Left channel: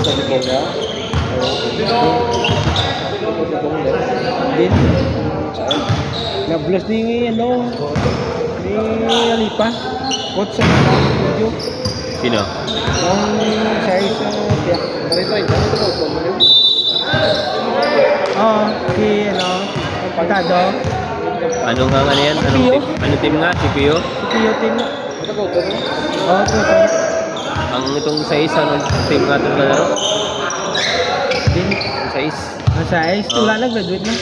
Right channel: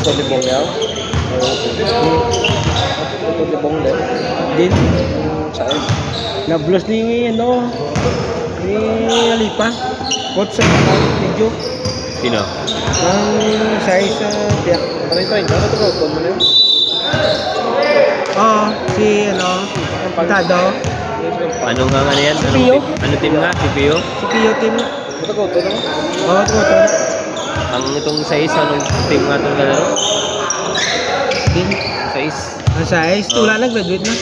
Sa libong yaw. Din. Nablos ni ano. Ni Alipa. Coach sa video. Sino? Ang size tiyak. Try. Ano ito ko? Oo, si ano. Pagkado. Ano nga ano yan? Anong team? Ano team nga? Si Pio? Si Pio team. Ito ko. Oo, ito. Ang itong size, anong team nga itong kalaro? Din. Size? Ang size. Oo. Wala na, graduate na.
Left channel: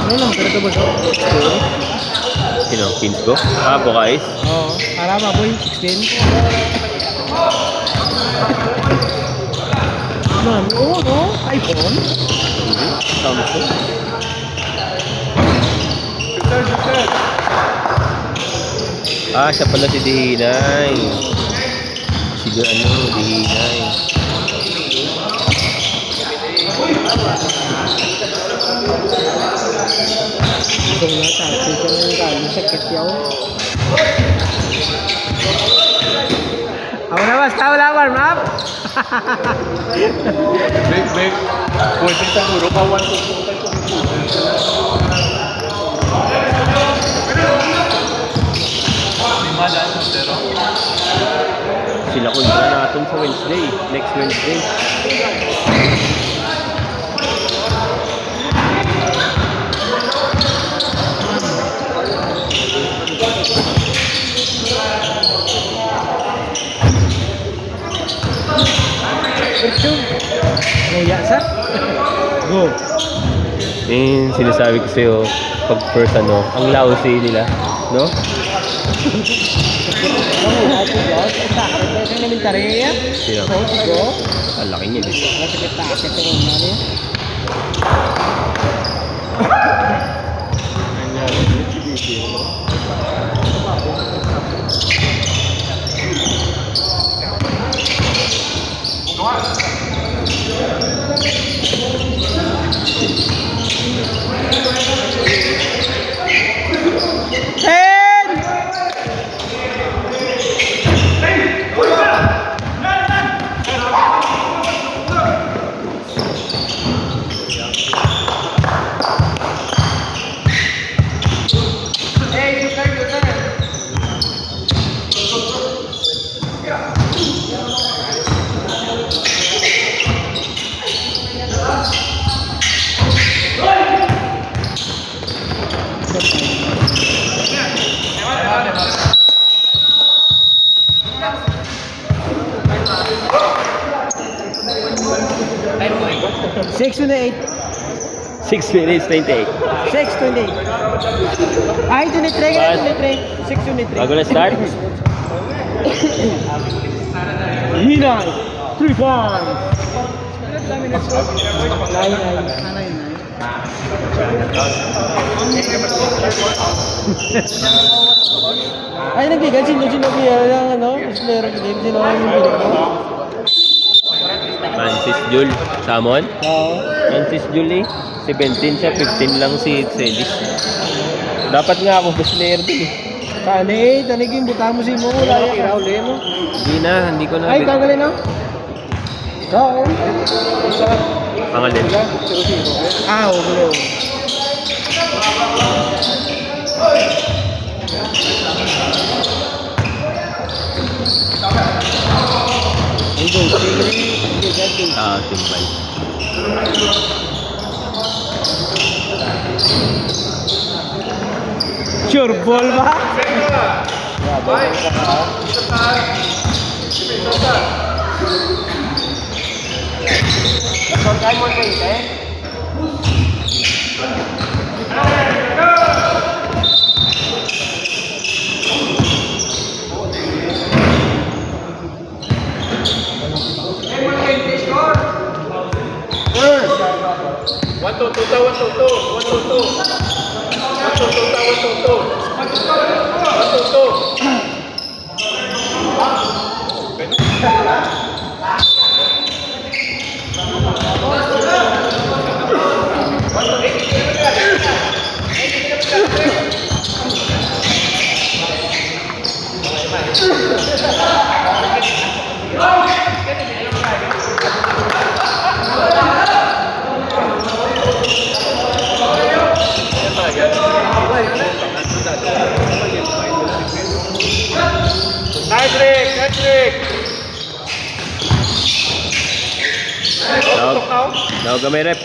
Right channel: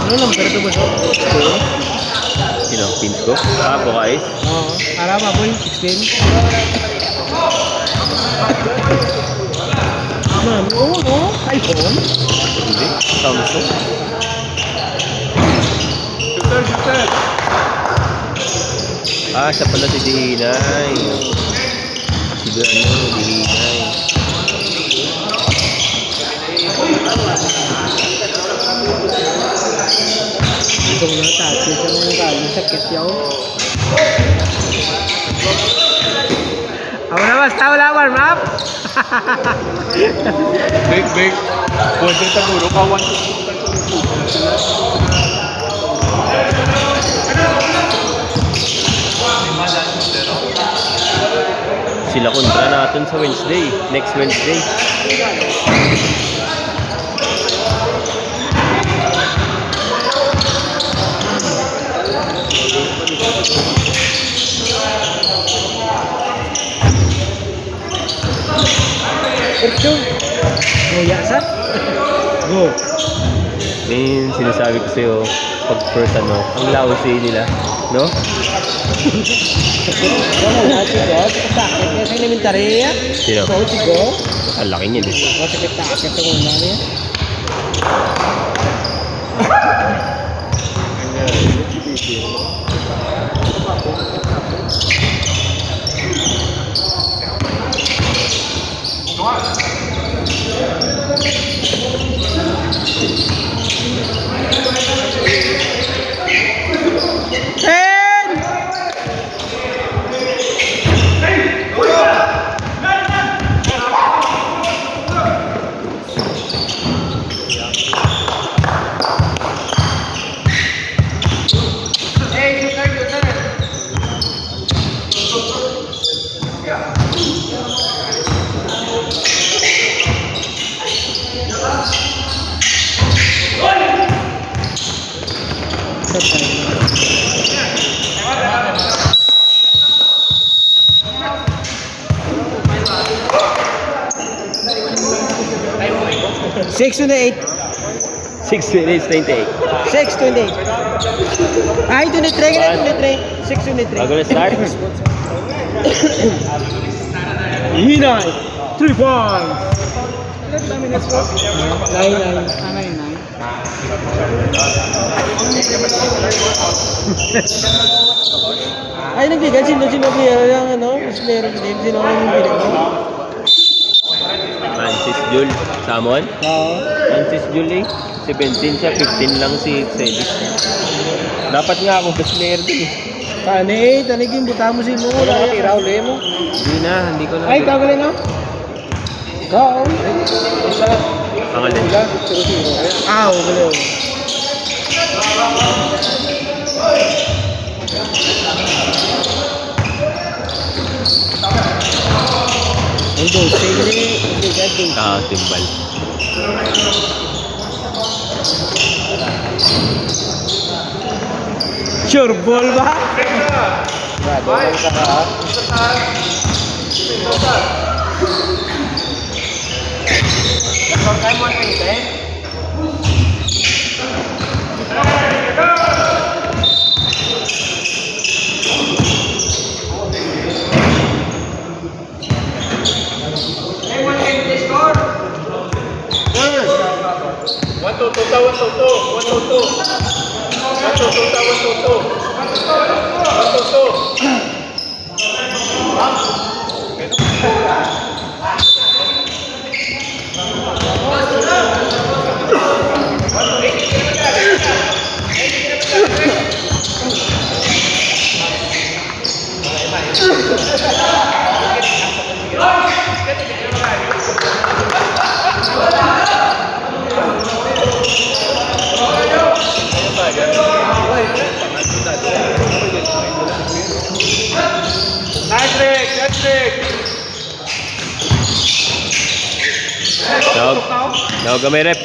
Ano lang, pero ito ba siya? Sino? Teams ko? Ah, Bukais? Oo. Arama boy, 16. Nan, oo, no? iPhone? Hindi. Samsung? Ah, siya pala si Dihinay. Si Dihinay. Gusto na, tayo siyang kaling sakit yaw. Ako na basta, wala warm up. Big. Pwede siguro ka 1-2. Sila kontra natin sa Wednesday. Next Wednesday. Go, yasa. Go. Eh, sinasabi ko sa'yo, pag first ano, ang lousy nila. No? Sa elementary yan. Sino? Go. Ang laki niyan eh. Masakit na akit sa una niya. Six to 8. 6 minutes, 28. 6 to 8. Ay, 23. What? 23. 6 to 3. Bago na start? Hinay. 3 points. Nine. Ay, nagbigan. Sino player yung ano? Player of the game. Sino yung pilit mo? Francis Jul. Samon? Oo. Francis Jul eh. 17 siya, 15 lang si Celis. Dapat nga ako best player din eh. Kani, tanigin buta mo si mo. Wala yung iraw mo. Hindi ko na. Ay, kagaling no? Kao. Ang alin. Ah, wala. Timbal. Sure ball ba? Grabe ka ha. Daw gamay rep.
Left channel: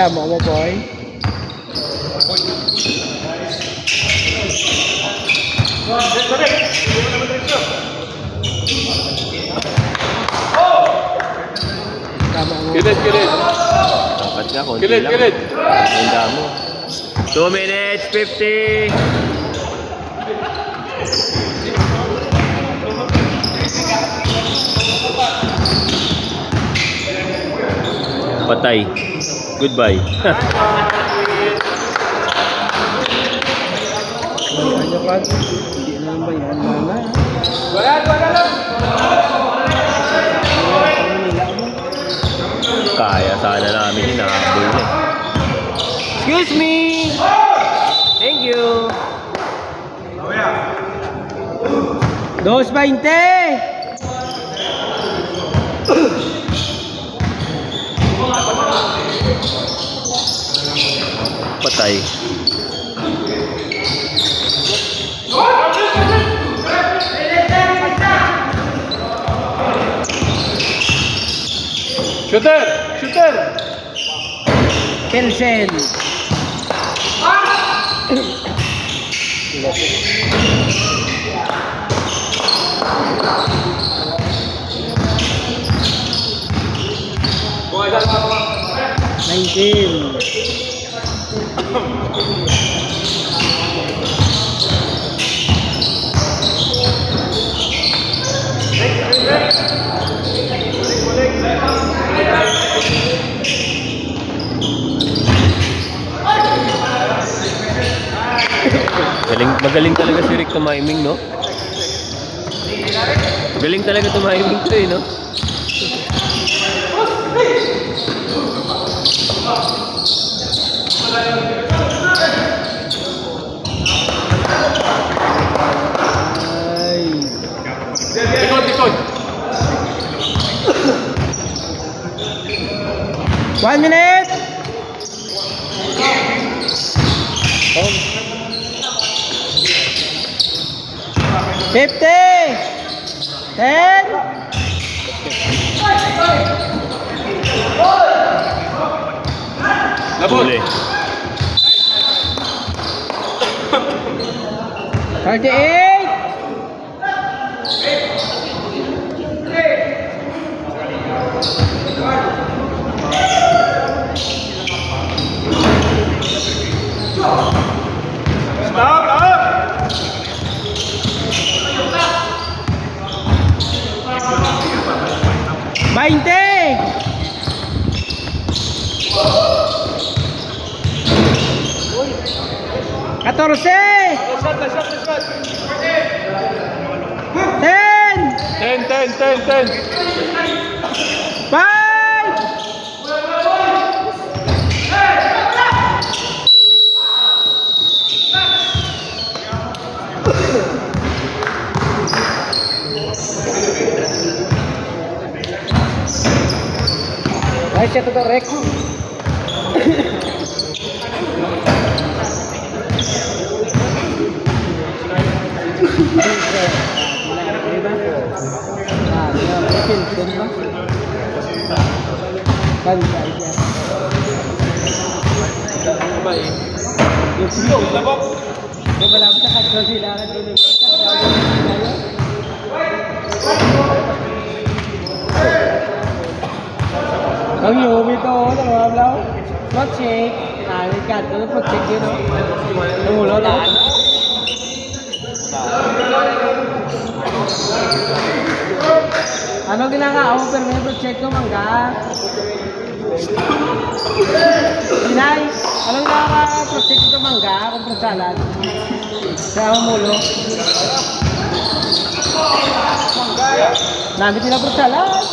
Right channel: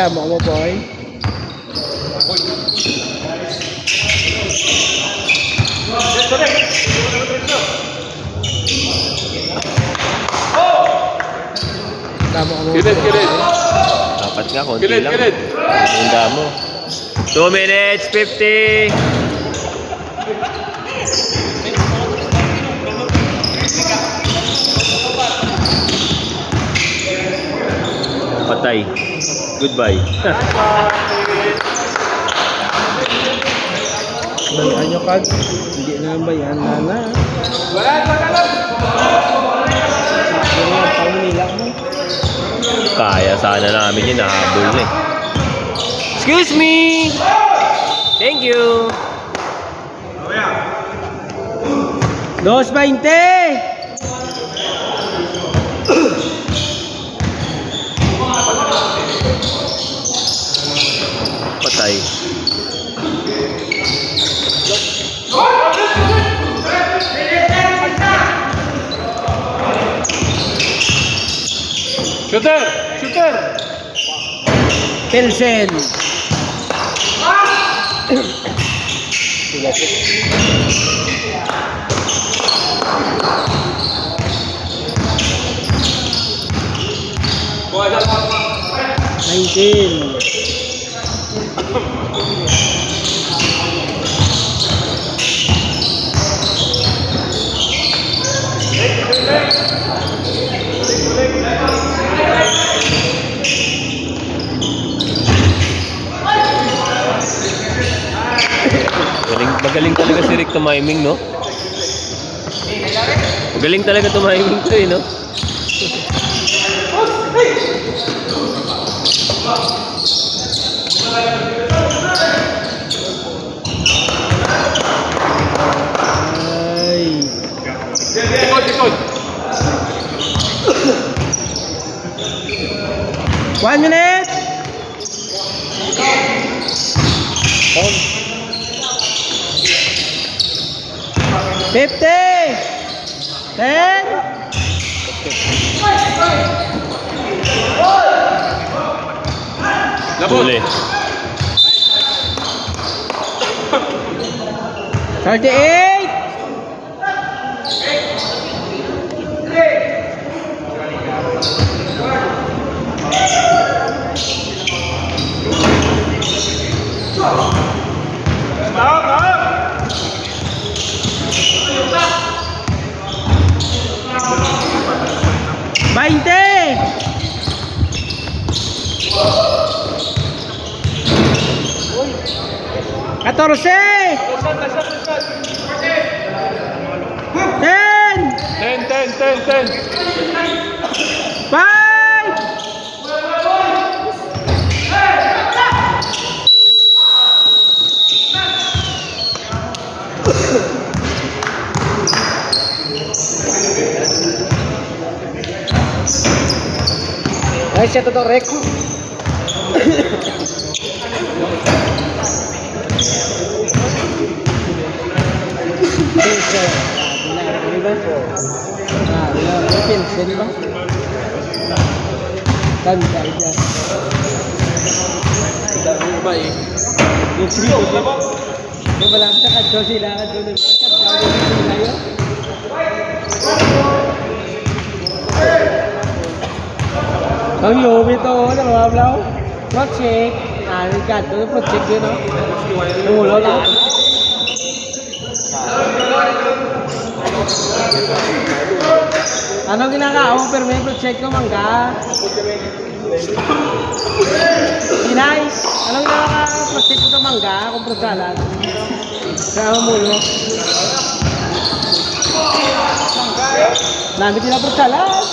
Tama mo, boy. Tama mo. Kilit, kilit. Dapat nga, konti Kilit, lang. kilit. Handa mo. 2 minutes, 50. Patay. Goodbye. Bayan nyo kag. Hindi na ang bayan na na. Kaya sana namin yun. Nakahabol na eh. Excuse me! Thank you! 2.20! Patay. Shooter! Shooter! Pilsen. Nineteen. Magaling talaga si Rick tumiming, no? Magaling talaga tumiming ko eh, no? Ay. Likod, likod. 1 minute. Home. 50. 10. Labot. Huli. 38. Bainte. Catorce. 10. 10. 5. Ay, siya to Rek. Kami hobi to, dalawa blaw. Project, narikat, ano project yun, no? Umulo na. Ano ginagawa mo, pero may project ko, mangga? Inay, anong naka-project ko, mangga, kung prosalan? Sa umulo? Nami sila bro salas.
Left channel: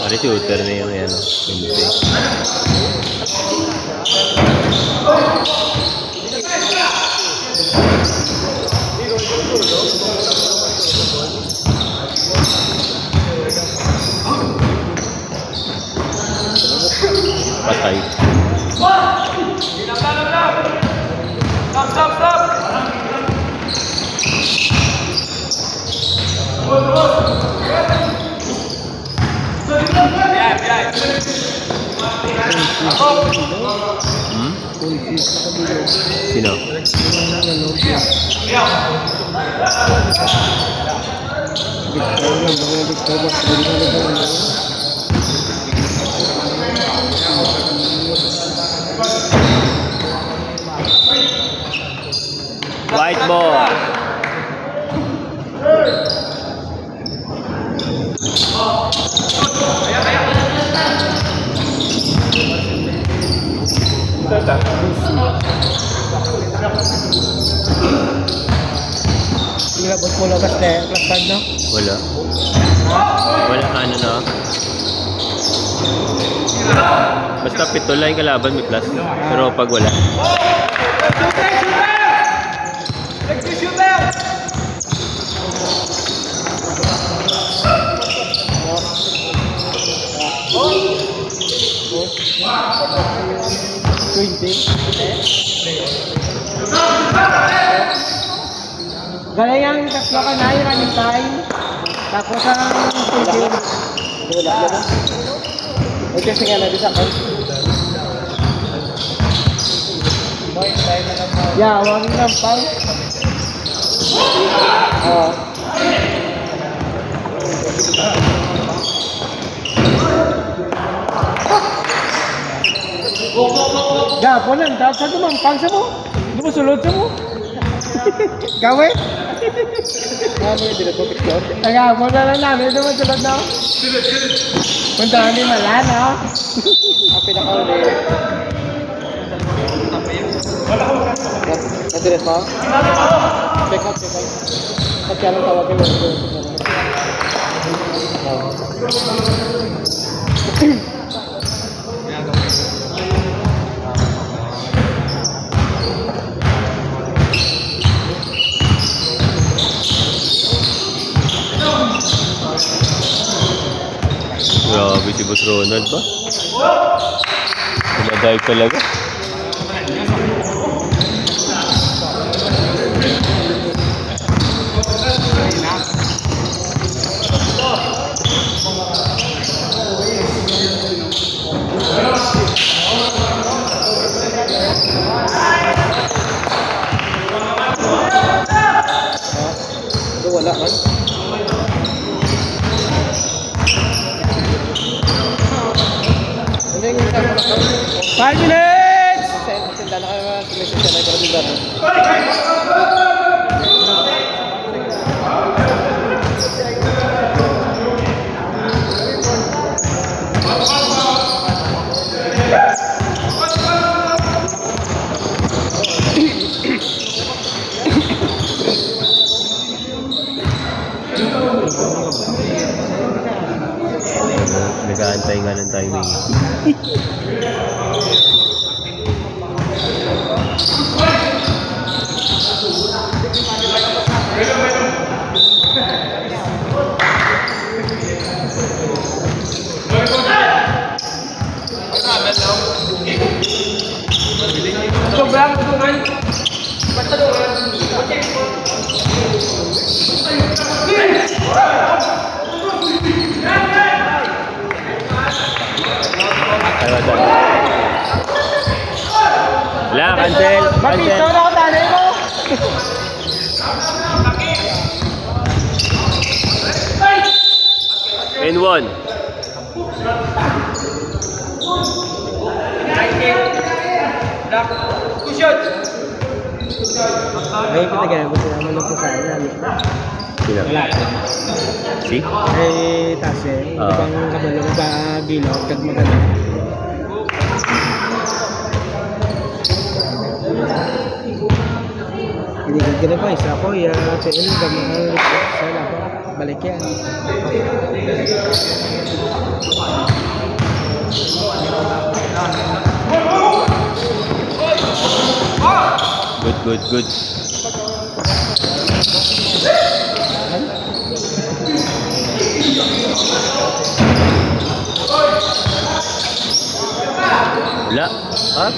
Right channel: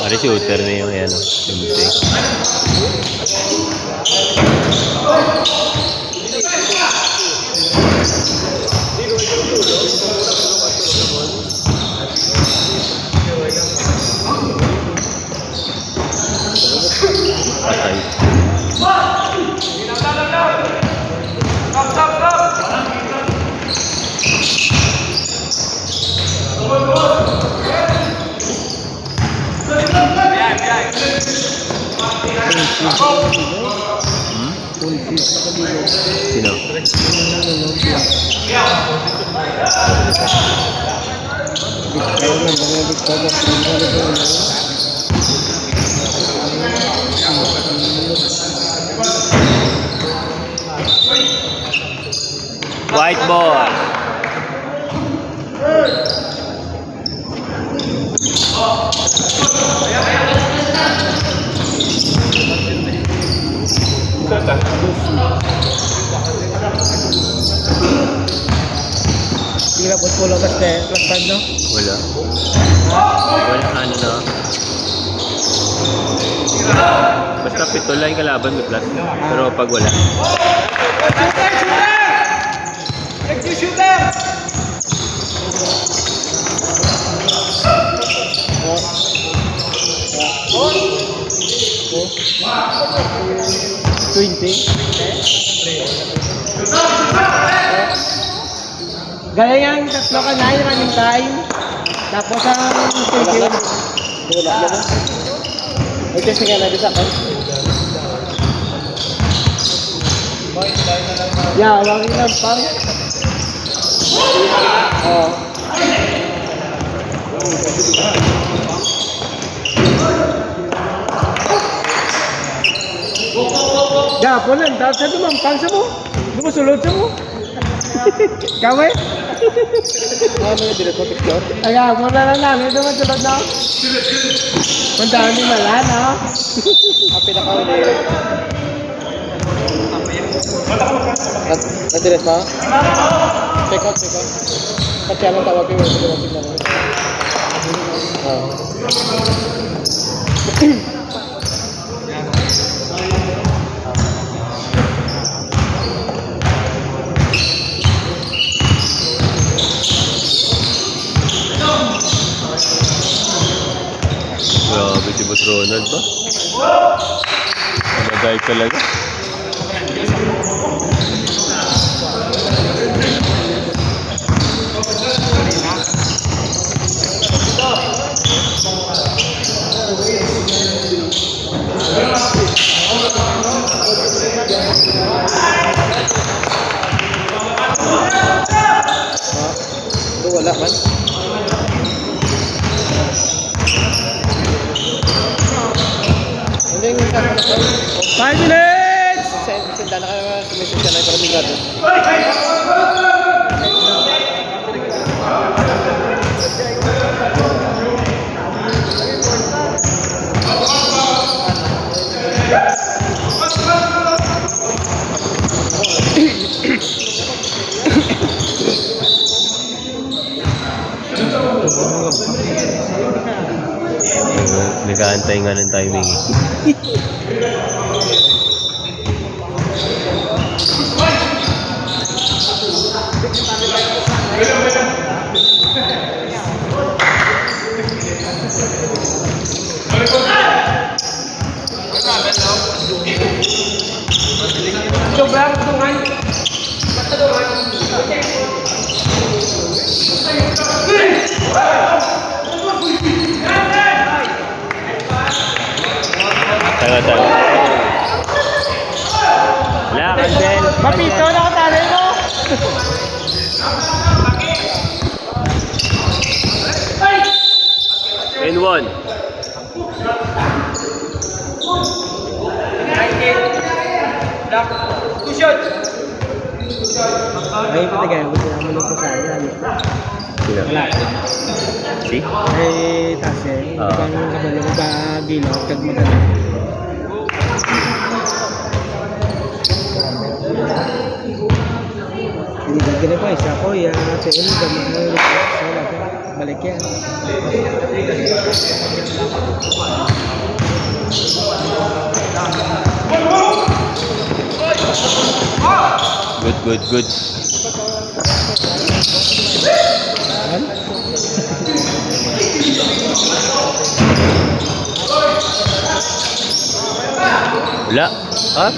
Pare shooter na yung yan. Patay. Sino? White ball. Nilabot mo lang kasi class tag no? Wala. Walang ano na. Basta pito lang yung kalaban may plus. Pero pag wala. Gaya yang tatlo ka na yung running time. Tapos ang tigil. Wala na ba? Ay kasi nga na sa account. Yeah, wagin lang pang. Oh. Gapon lang, dahil sa dumampang sa mo. Dumusulod sa mo. Kawe? Ano yung dito picture? Taga, muna lang namin. Dumusulod na. Puntahan ni Malan, ha? Ang pinaka-uli. Nadiret pa? Check up. Pagka anong tawag kayo? Grabe si Boss Ronald ba? Pinadive talaga. Ito wala man. Ano yung kasama ko? 5 minutes! Senda na kayo mga sumisip siya na ito kaming gato. Nag-aantay nga ng timing eh. Sobrang tunay. Tayo. Wala, cancel. Mapito na ako tanay mo. N1. Ayun ko nagaya. Gusto naman lang sa kanya. Sino? Si? Eh, kasi, Ah. ibang kabalo sa ginaw, tag maganda. Hindi ka ganun pa, isa ko, yan, tuon, gamang, sila pa, balik yan. Good. Wala. Ah,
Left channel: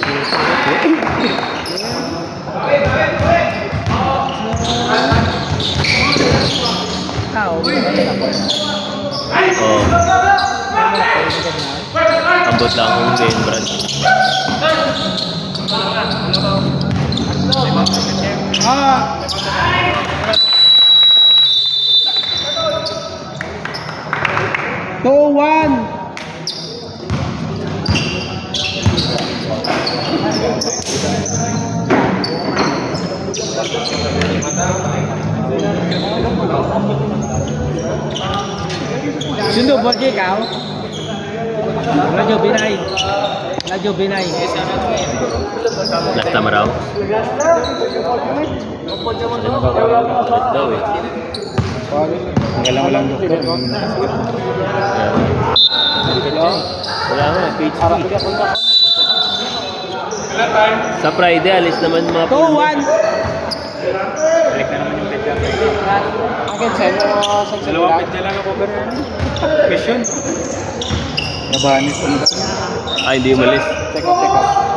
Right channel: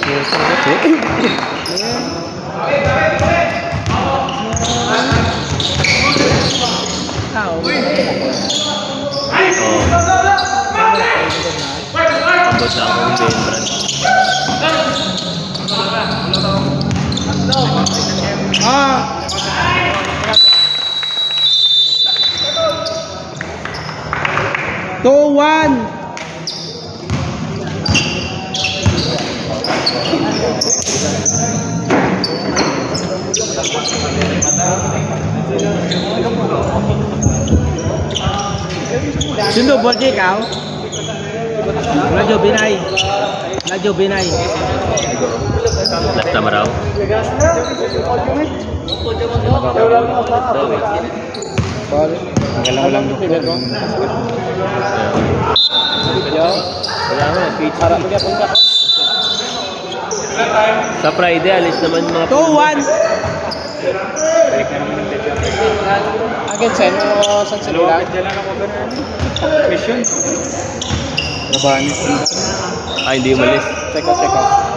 Tao, oh. Andot lang ako din, Brad. Two, one. Sindo, boleh kau? Radyo Binay. Radyo Binay. Last time raw. Daw eh. Walang doktor. Yeah. Wala nga, PhD. Sa Friday, alis naman mga 2-1. Again, sa'yo sa sila. Mission. Nabanis. Ah, hindi umalis. Check out.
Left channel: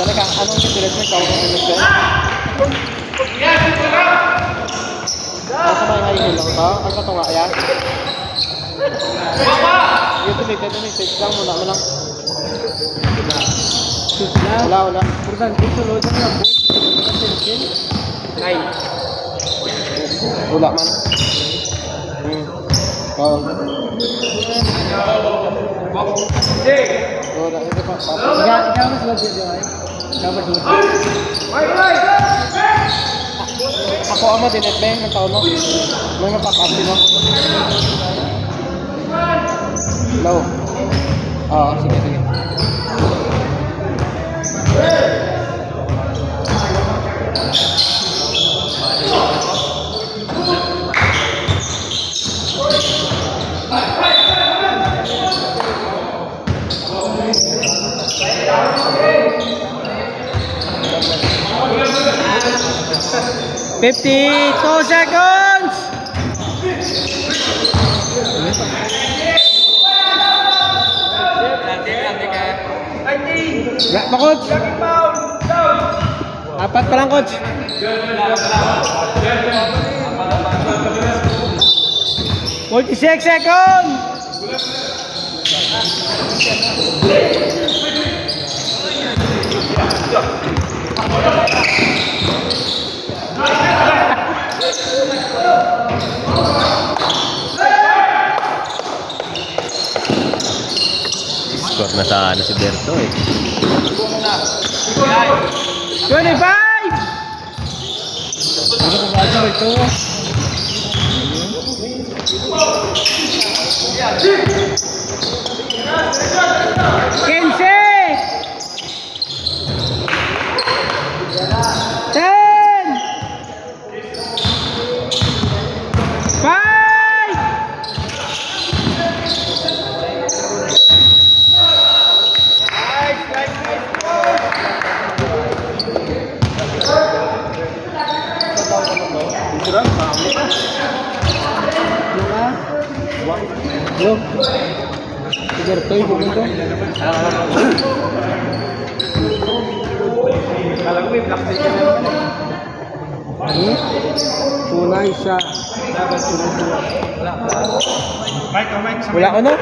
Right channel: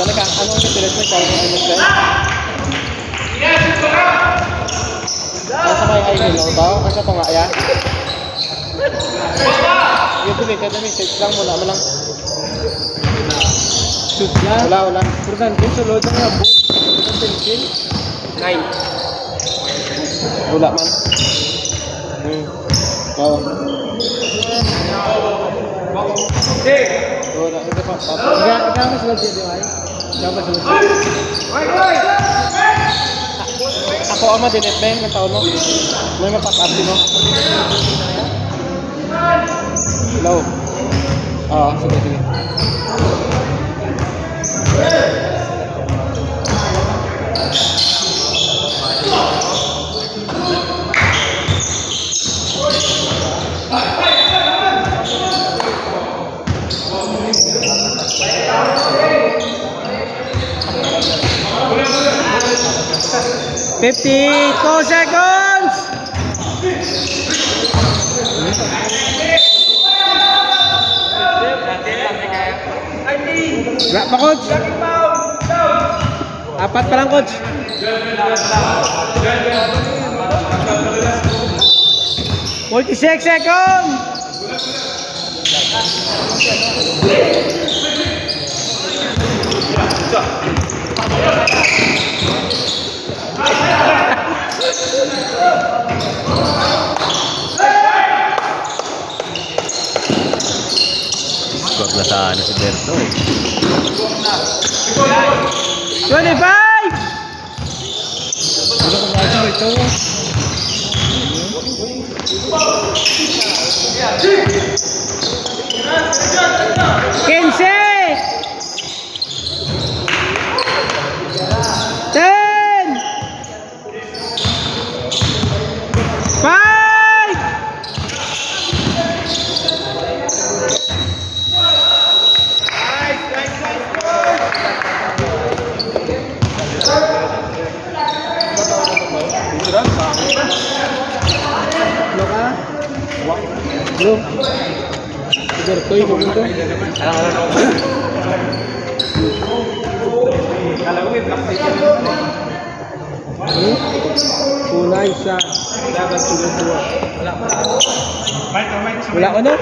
Dali ka, anong interest mo ikaw kung MSN? Ano sa mga ngayon lang ito? Ang sa tunga, ayan? Yung deleted na message lang, wala mo lang. Shoot lang. Wala. Importante, sulod ang mga ball. Attention. Ay. Wala man. Oo. Wala, ito pa. Ikaw mas sulod dito ay? Ikaw mas sulod. Ako ang ma-delete ba yung taon mo? May ma-pop-up din mo? Hello? Oo, sige. $52 seconds! Wala pa, coach. Apat pa lang, coach. 46 seconds! Score na sa ano si Berto eh. 25! Ano kung radyo ito? Quince! 10! 5! Ano ka? Hello? Tigar to, ikaw to? Una, isa. Wala ko no?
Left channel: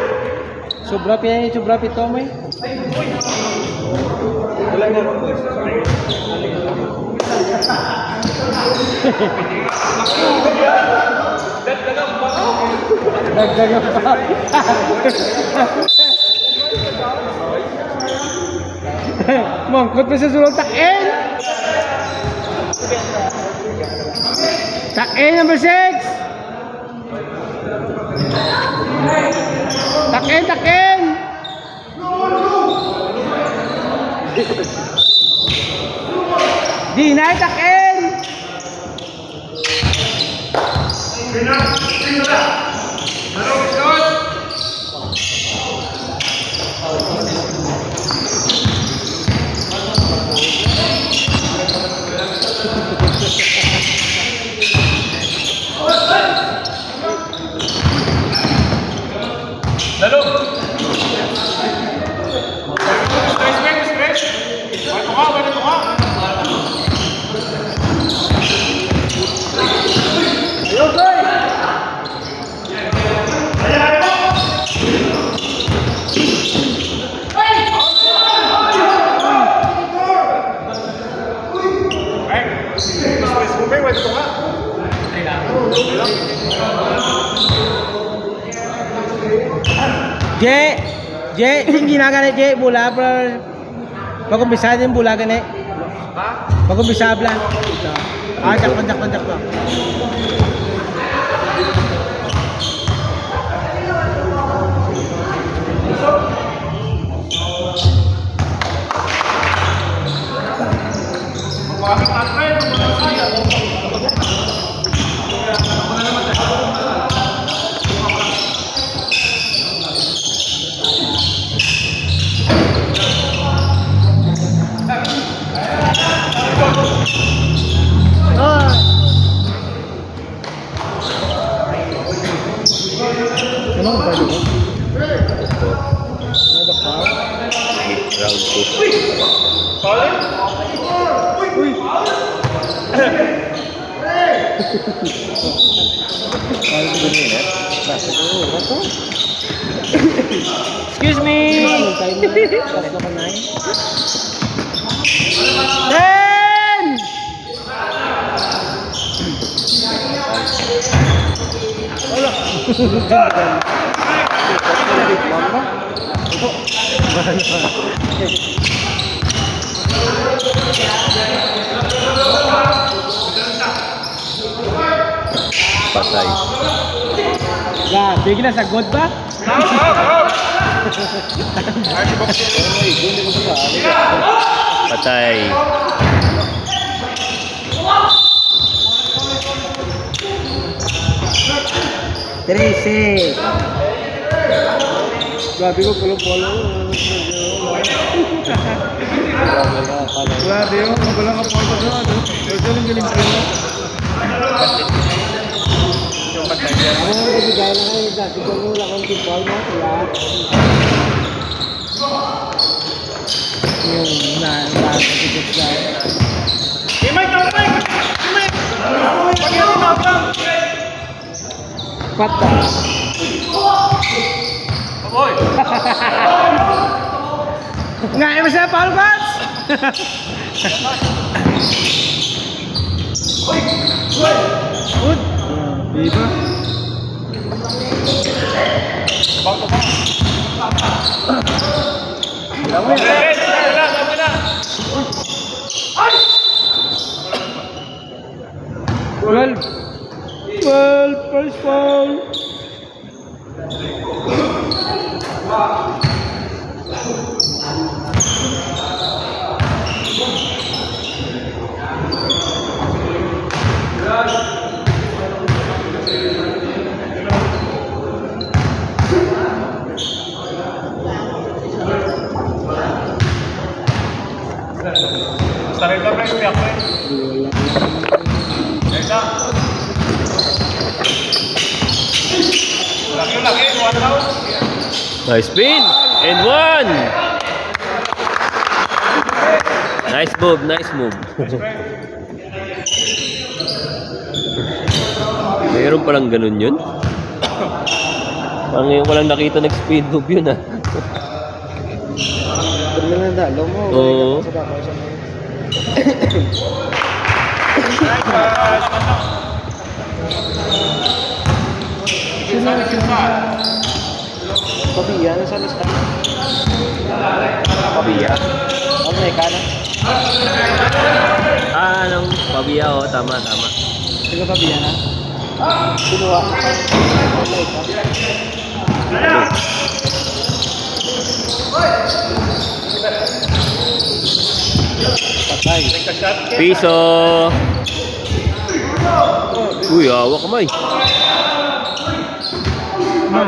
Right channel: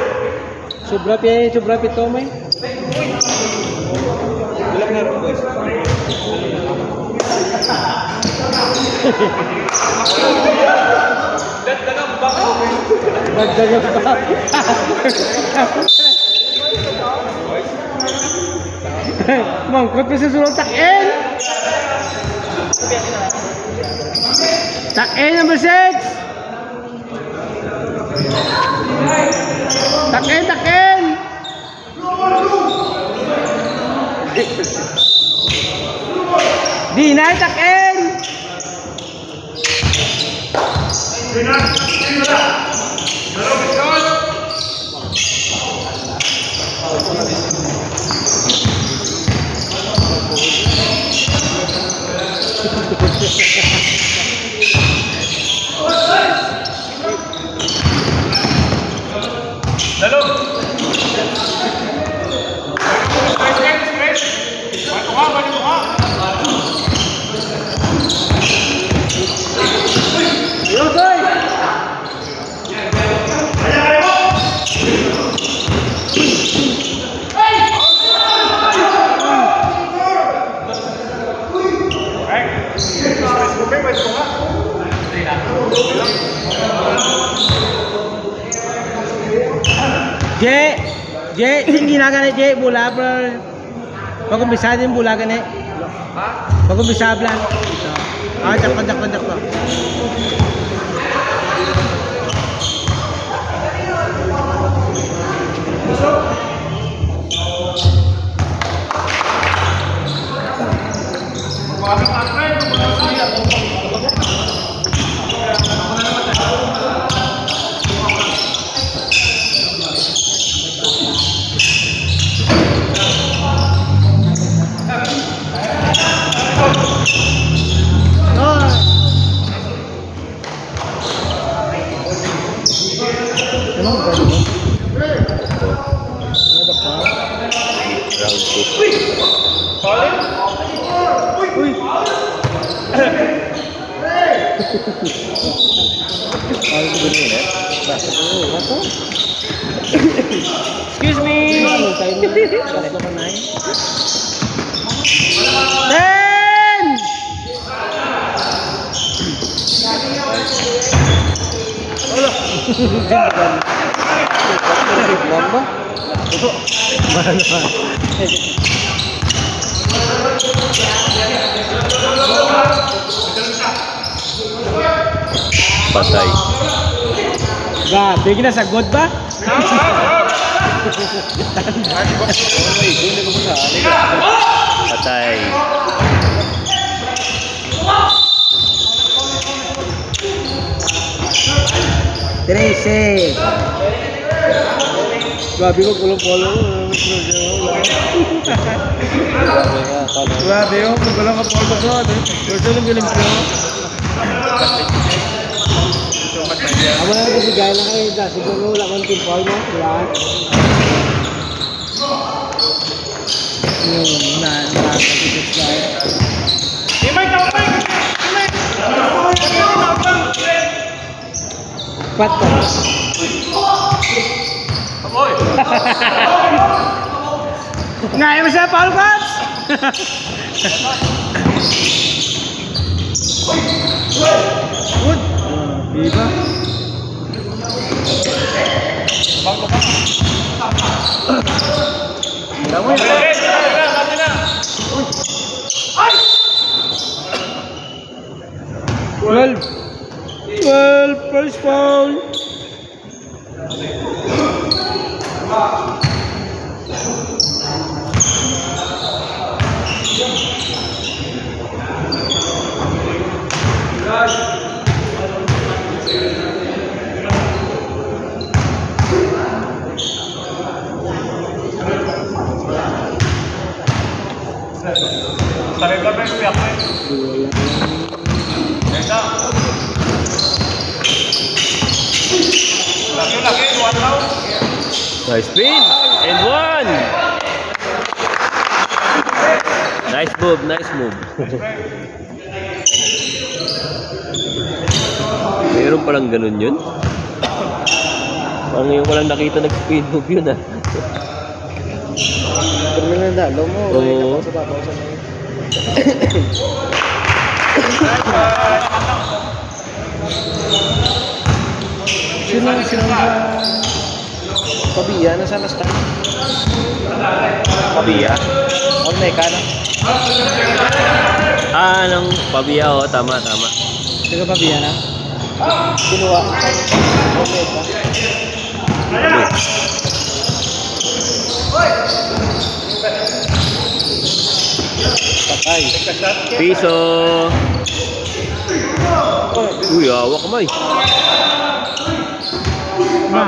Sobra pito may. Dagdagan pa. Mangkot pa sa sulong takin. Tuck in, number 6. Tuck in, tuck in. Dinay, tuck in. Yung ginagana Je, bola per pag-umpisa din bola gani. Pag-umpisa blan. Dakpan. Excuse me. Ten. Patay. Grabe, ginasagod ba? Patay. Tracy. Grabe ko polo-polo. Grabe yung magulang ka polo ko. Gusto lang galing ko. Ano yung bigay na kayo dahil siguro wala kang timpaw na. Yung nakakagigit dahil. Patay. Ngayon mo siya, Paul Katz! Good. Diba? Well, first foul. Nice spin and one. Nice move. Mayroon palang ganun yun. Ang ngayon ko lang nakita nag-speed move yun ah. Terminal na dalo mo. Oo. Sa babaw sa mga. Sino? Pabiya na sa mista. Pabiya? Ano na ikana? ng Pabia, oh. Tama. Taga Pabiya na. Kinuha. Patay. Piso. Uy, hawak kamay.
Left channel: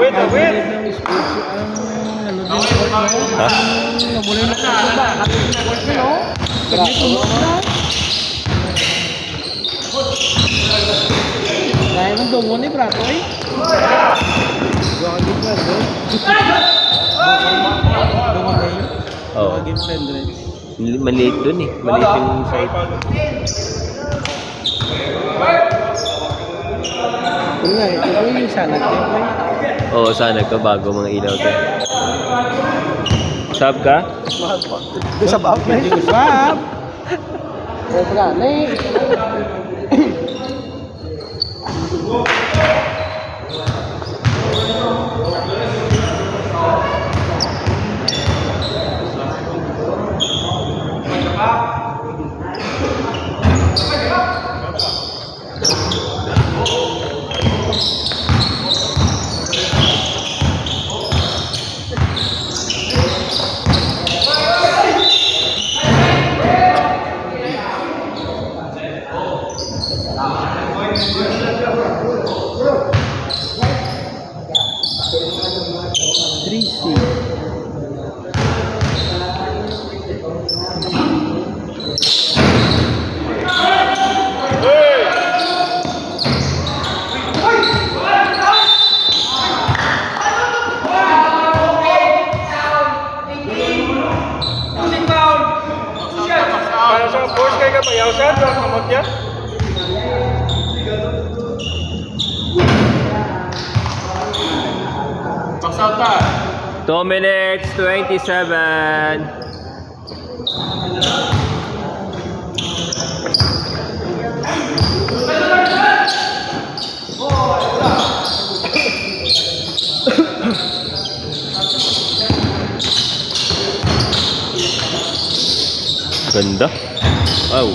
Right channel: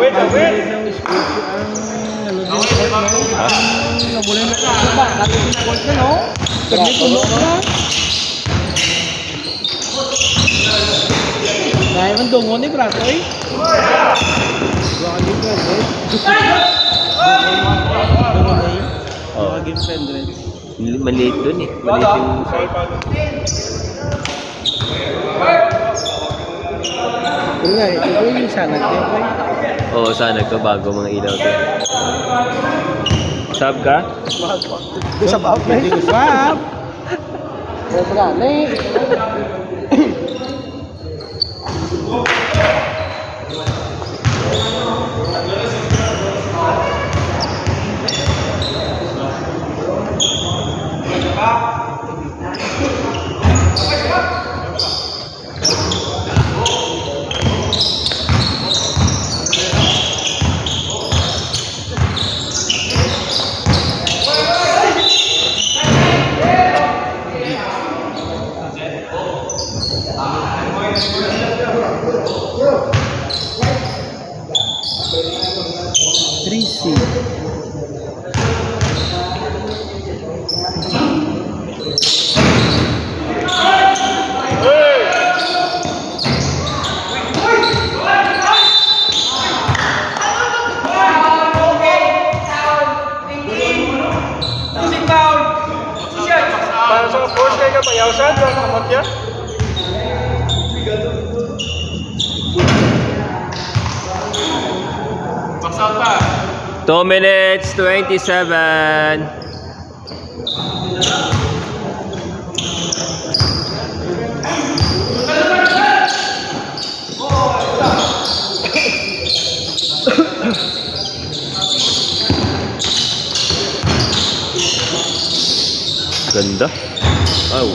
Wait. Ng speech ang ano din ko no. Ha? Nabulay na sa ba. Ganito mo. Dahil ng dungo ni Prato eh. Game friend, eh. Dungo na eh. Oh. Game friend rin. Maliit dun eh. Maliit yung site. Yun nga, ito ko yung salad. Oo, sana ko bago mga ilaw ka. Sub ka? Isa ba? Swap! Sobra. Nay. Para sa force kayo ka bayaw sa doon, kamot yan. Baksaw pa. 2 minutes, 27. Ganda. Wow.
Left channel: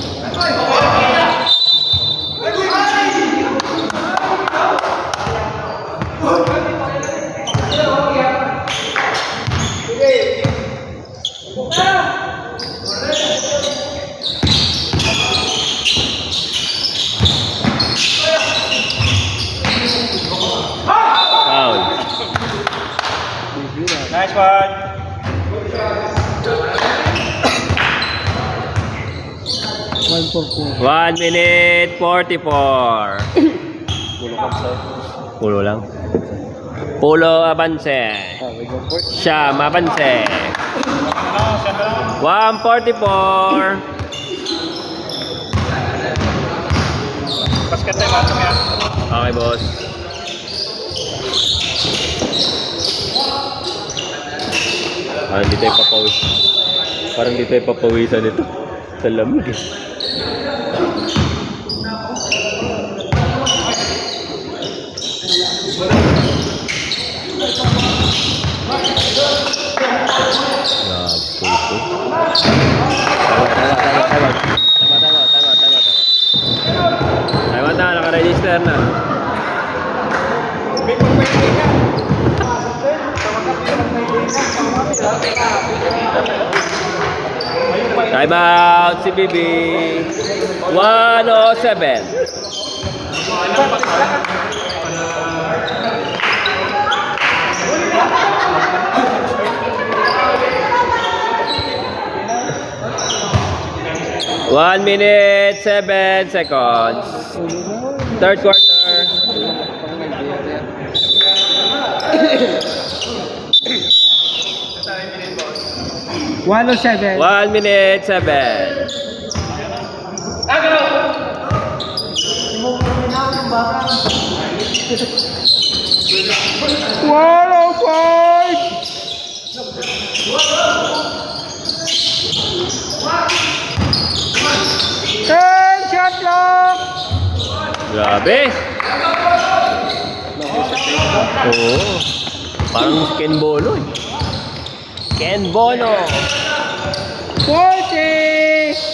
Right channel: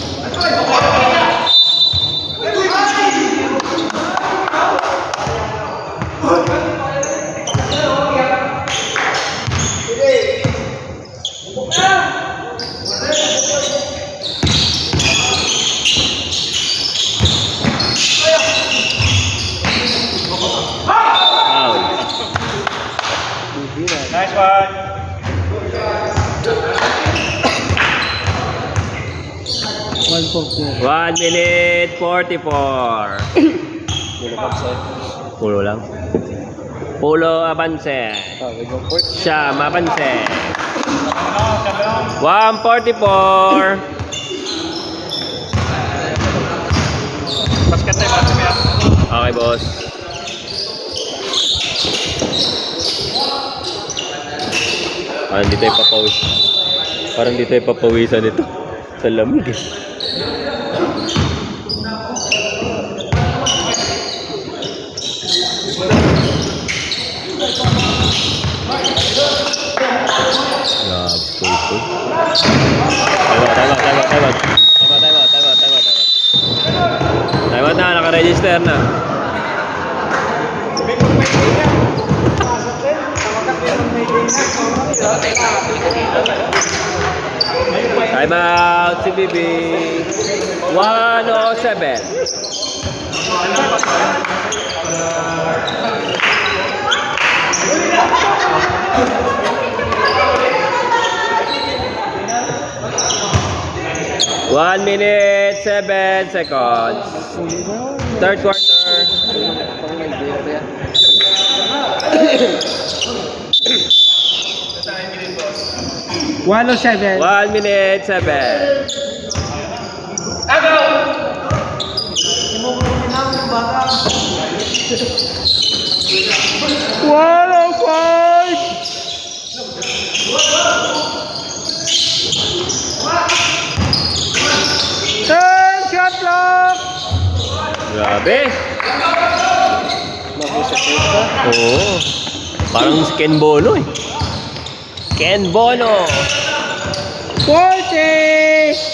Wow. Nice one. One for four. 1 minute 44. Pulo ka sa. Pulo lang. Pulo avance. We go for it. Siya mapanse. 144. Basket tayo, basket tayo. Okay, boss. Parang di tayo papawis. Parang di tayo papawisan nito. Sa lamig eh. Tama na, naka-register na. Time out si Bibi. 107. One minute, 7 seconds. Third quarter. Pang Nigeria. 107. 1 minute, 7. One oh five. Ten shot clock. Grabe. Oo. Parang si Ken Bolo eh. Ken Bolo. 40.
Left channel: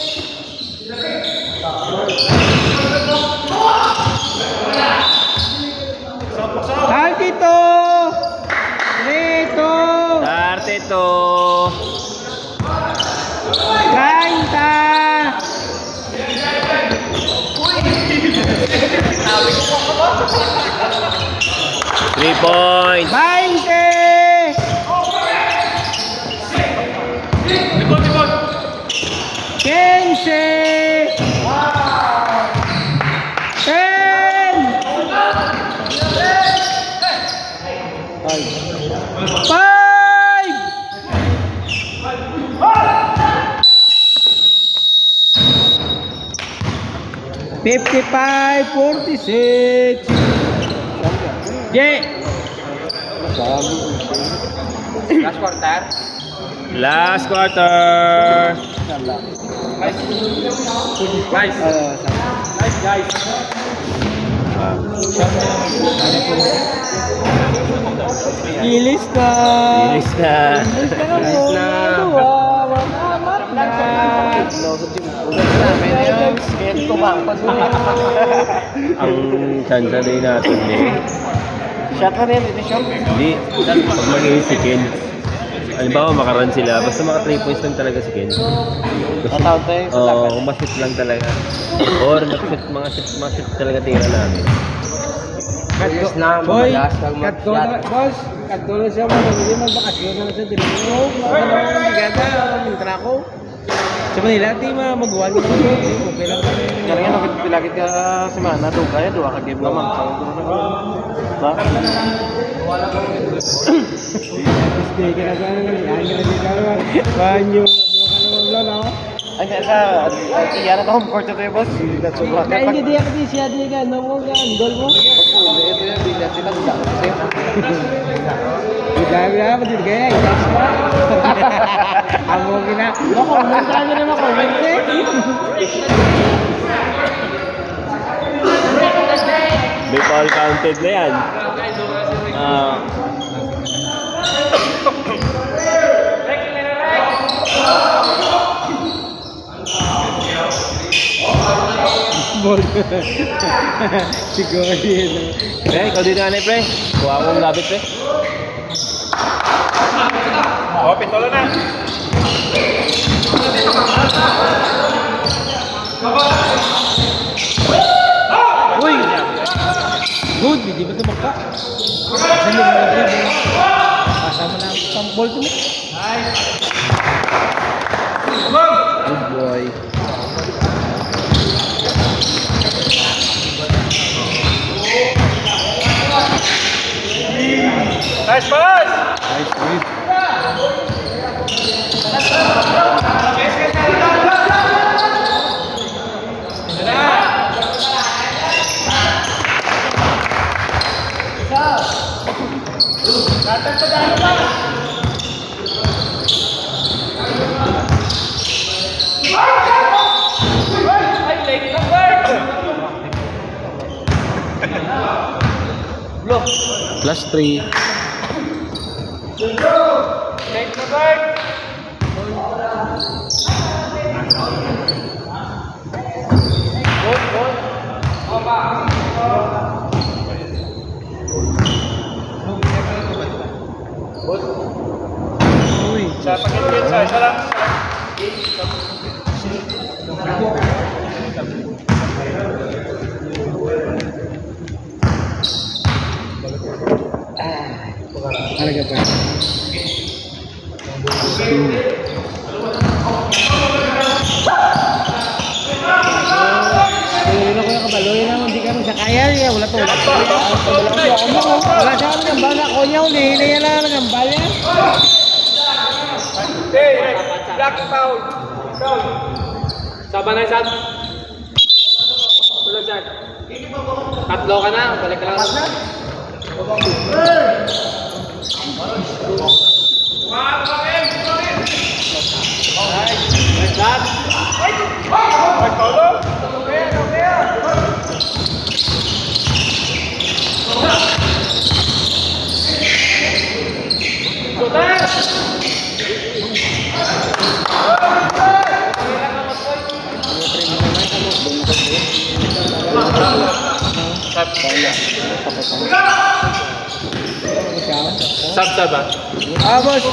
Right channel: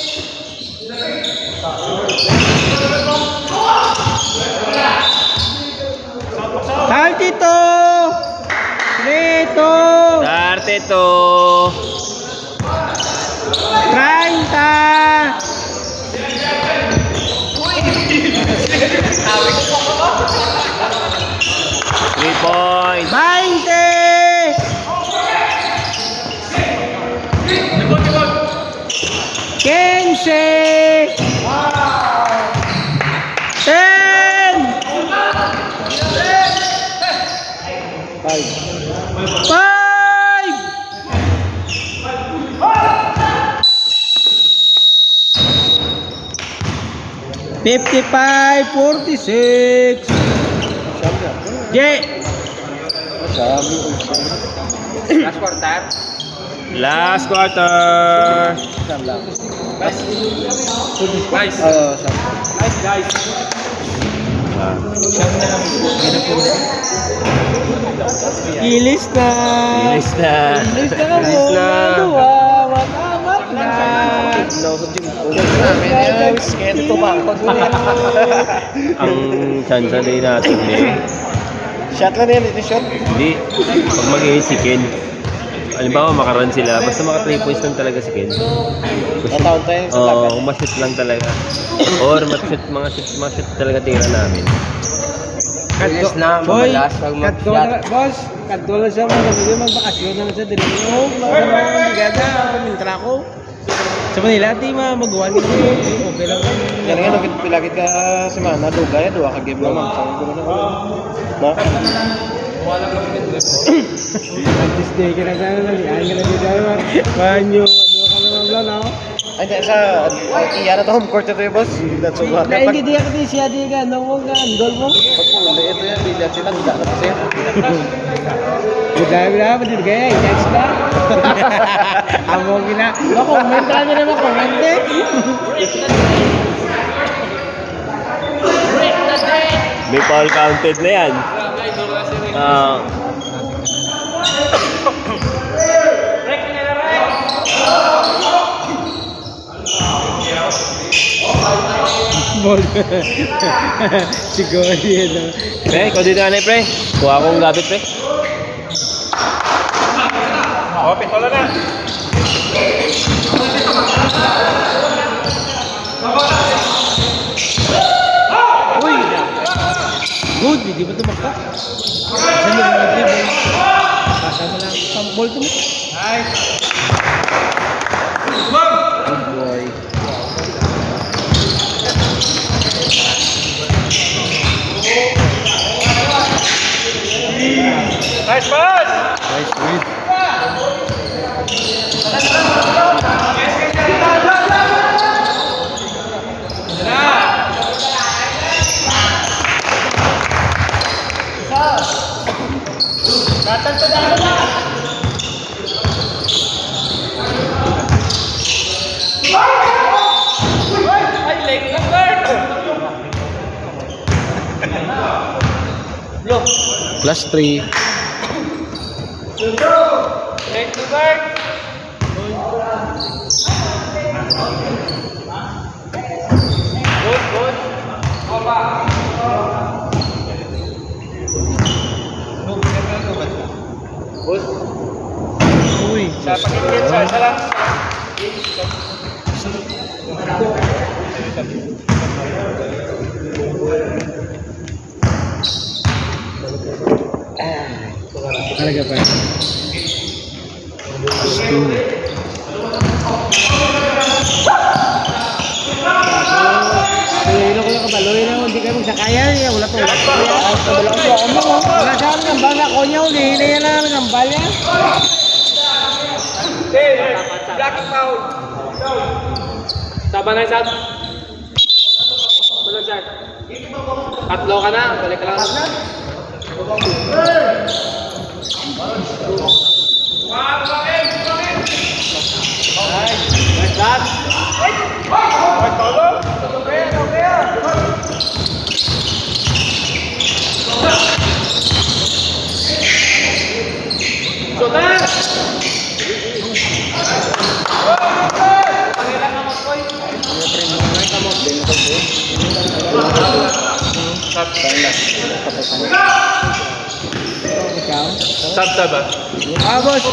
3 points. 15! 55-46. Last quarter. Last quarter. Guys. Guys. Ah. Ilis na. Ilis na. Ilis na mo. Dua. Amat na. Ang chance din natin Shot lang yan, hindi shot. Hindi. Pag mag-i si Ken. Halimbawa makarun sila. Basta maka 3 points lang talaga si Ken. Nataon tayo sa Oo, kung ma-shoot lang talaga. Or mga shoot talaga tira namin. Yes na, Boy, madalas, wag mag-shot. boss, kadto siya mo, hindi magbakasyon lang sa Dilino. Sa mga bigada, ng trako. Sa Manila, di magawa nila yun. Okay lang kami. Yan nga, pilagit ka semana, dugay, dua ka game naman. Na? Stay ka na sana lang. Ano ka na dalawa? Banyo, ano ka naman lang, no? Ay, sa iya na to, home court ito yung boss. That's so hot. Kaya hindi ako di siya di ka, no mo ka, andol mo. Ito yan, bigla sila, bigla ko kasi. Bila, pati kaya, i-text na. Amo gina. Makomment ka na makomment eh. Big all counted na yan. Siguro yun. Pre, ikaw dito na pre. Kuha akong gabi pre. Oh, pitola na. Uy! Good, hindi ba ito magpa? Saan yung mga dribble? Pasa mo lang sa ball mo. Good boy. Nice pass! Nice read. Plus 3. Sa pakinggan sa, isa lang. Talaga pa. Tuloy na ko yung kabaloy na hindi ka magsakaya niya. Wala to. Wala to. Wala ko mo. Wala siya ang gambal na ko niya. Huli yan lang ang gambal niya. Black foul. Saba na isad. Tulad dyan. Tatlo ka na, balik ka lang. Nice shot. Sab ba? Boss.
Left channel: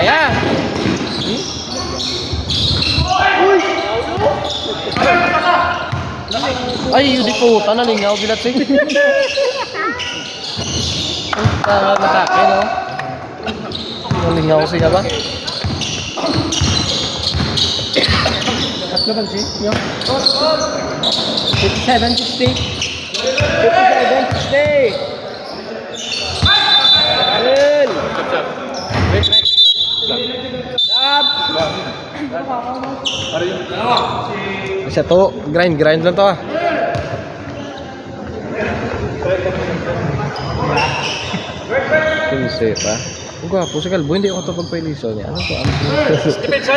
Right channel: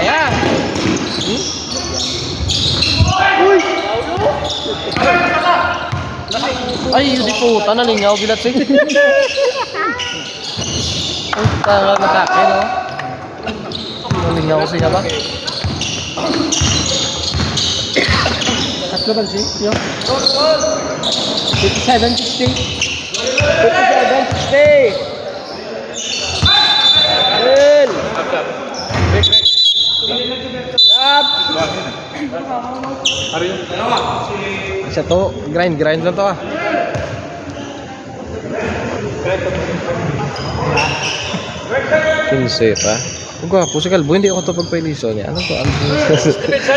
Ayan. Uy! Ay, yun di puta, nalingaw, binatsing. Puta, matake, no? Nalingaw siya ba? Tatlo ba siya? Yo. 57-60. 57-60. Well. Stop. Isa to, grind lang to ah. Pinseta. Ang gwapo si Kalbo, hindi ako ito pagpailiso niya. Ano to? Ano to?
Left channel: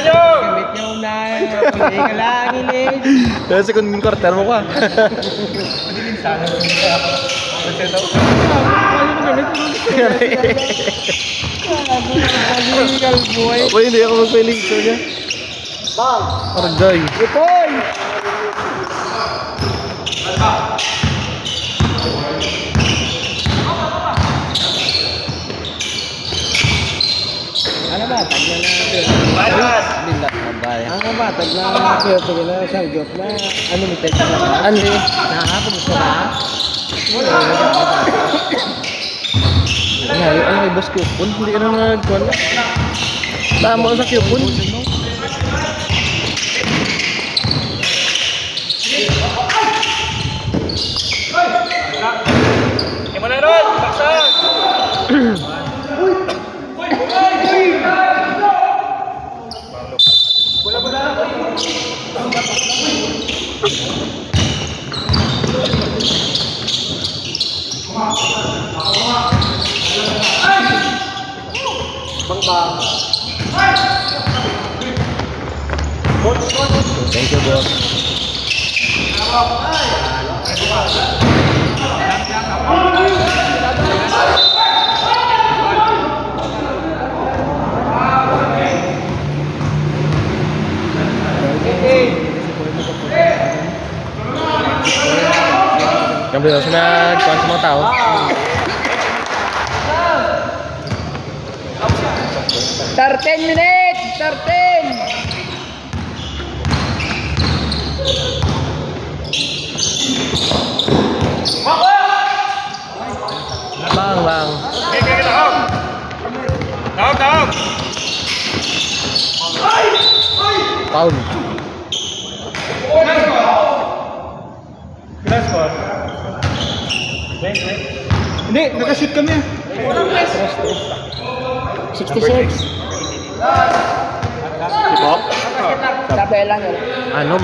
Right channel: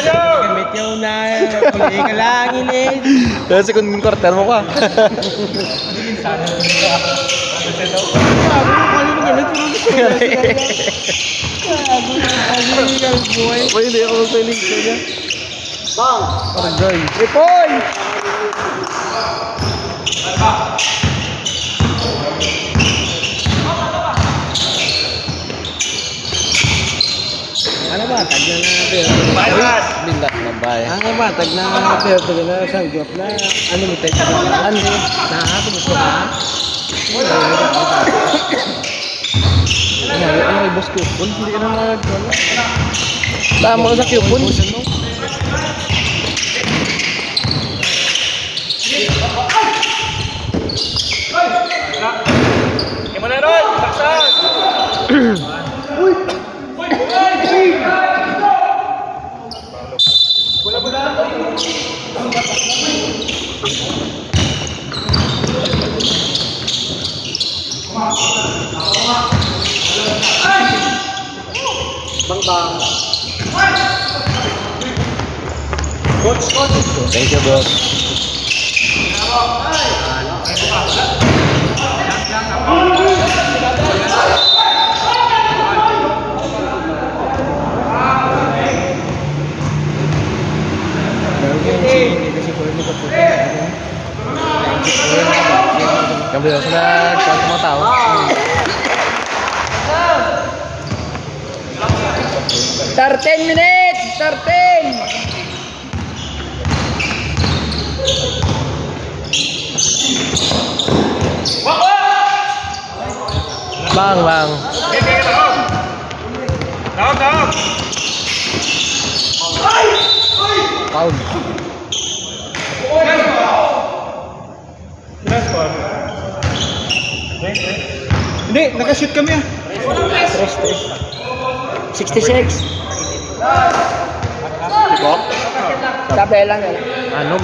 Gamit niyo na. Pili ka lang, ilig. Kasi kung quarter mo ka. Illegal boy. Uy, hindi ako magpailiso niya. Bang. Arjay. 3 points. Ano ba? Tag na Bilat na bayan. Ano ba? Tag na pero na sanggop na unlimited ka ba? Ano? Kung gusto ka? Ano kay boss Kupon? Hindi ka naman nagkala. Tama sa Kupon. Thank you, boss. Sabi ko, sila kung mga tao. Start 10 minutes. Start 10. Bang. Taon. Hindi, nakashoot kami. 66. Sabi lang yan. Ano?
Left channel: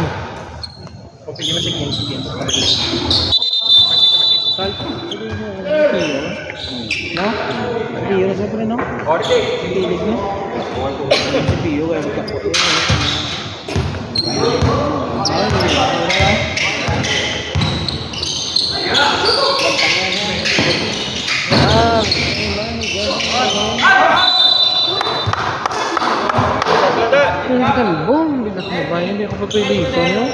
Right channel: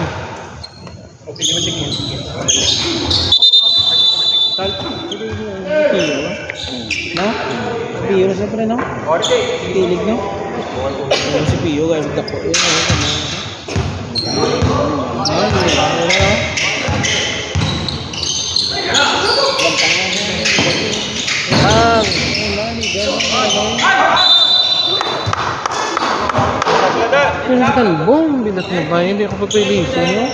No? Pio na siyempre, no? Kilig na. Si Pio, kaya magkapo. Yung sa Kalbong, bilat na ba? Hindi ako pagpiliso nyo.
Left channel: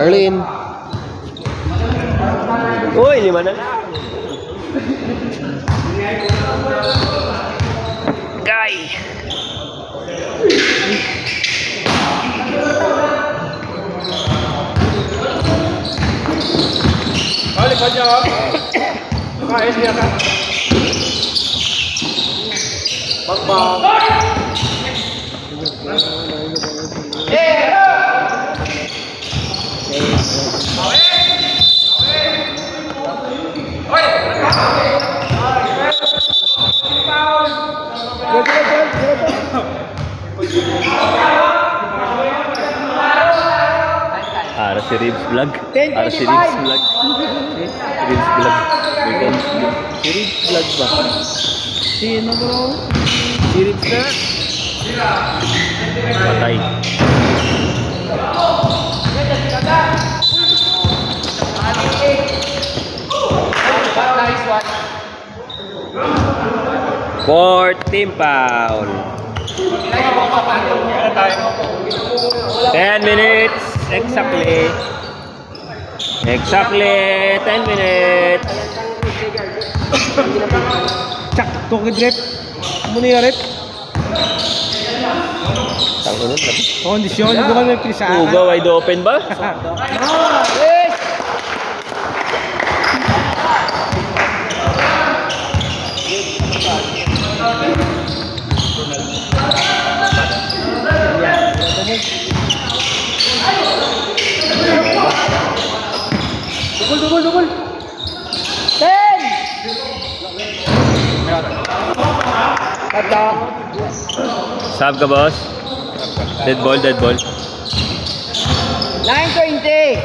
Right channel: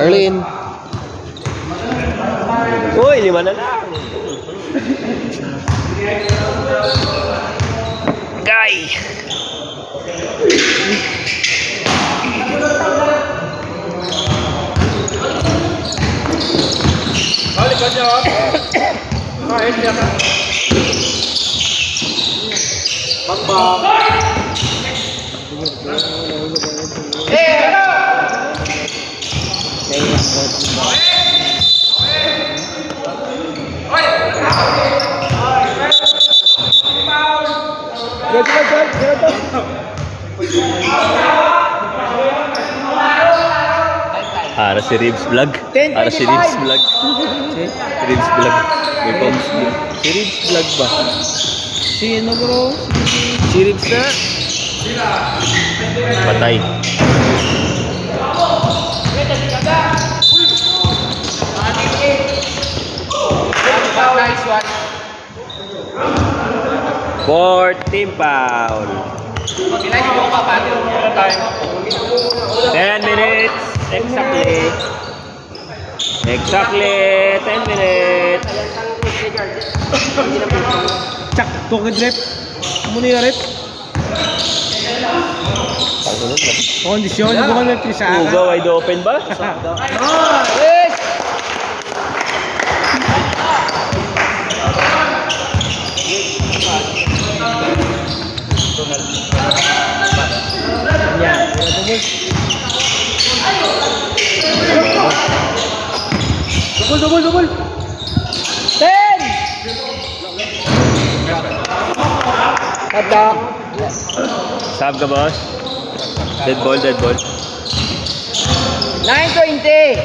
Arlene. Uy, 5 na lang. Guy. Para si Ribs Vlog. Para si Ribs Vlog. Ribs Vlog. May cons mo. Si Ribs Vlog ba? Sino bro? Si Ribs na. Patay. Nice one. 4 team foul. 10 minutes exactly. Exactly 10 minutes. Tsak, tukid rep. Muna yung rep. Kondisyon, hindi ko nagkisa. Uga wide open ba? Yes! Dugol. 10! Ada. Sab ka, boss? Dead ball. 9:20.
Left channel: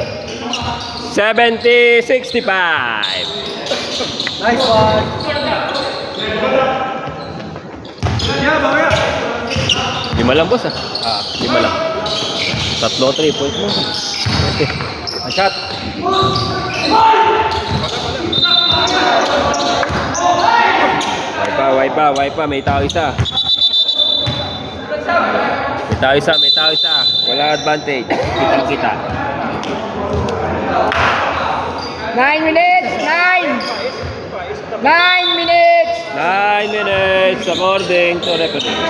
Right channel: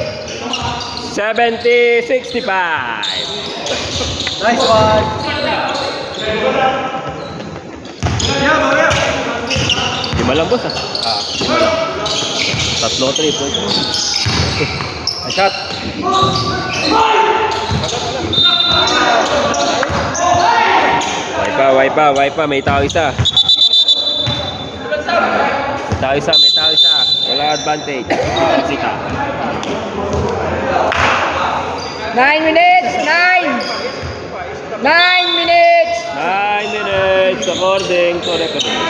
70-65. Nice one. Lima lang, boss, ah. Lima lang. Tatlo, 3 points. Shot. Wipe pa. May tao isa. May tao isa. Wala advantage. Kita. 9 minutes. 9 minutes. 9 minutes according to referee.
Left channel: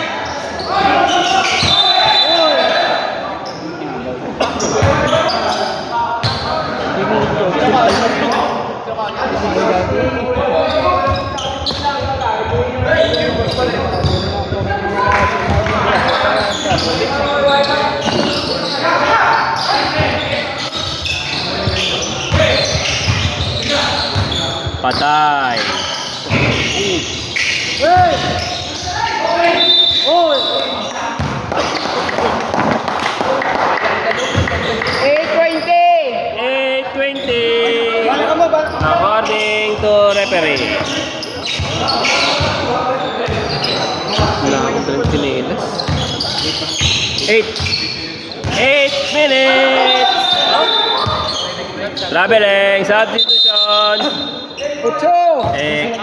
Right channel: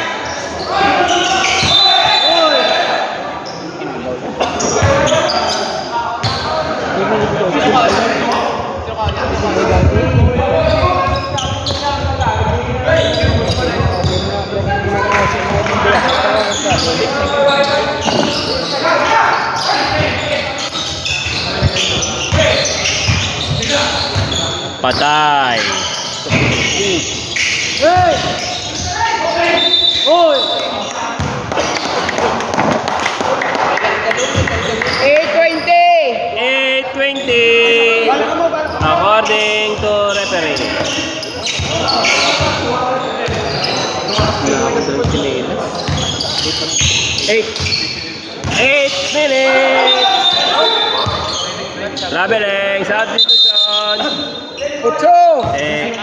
Patay. Oy. 8:20 according to referee. 8 minutes. Traveling substitution. 8.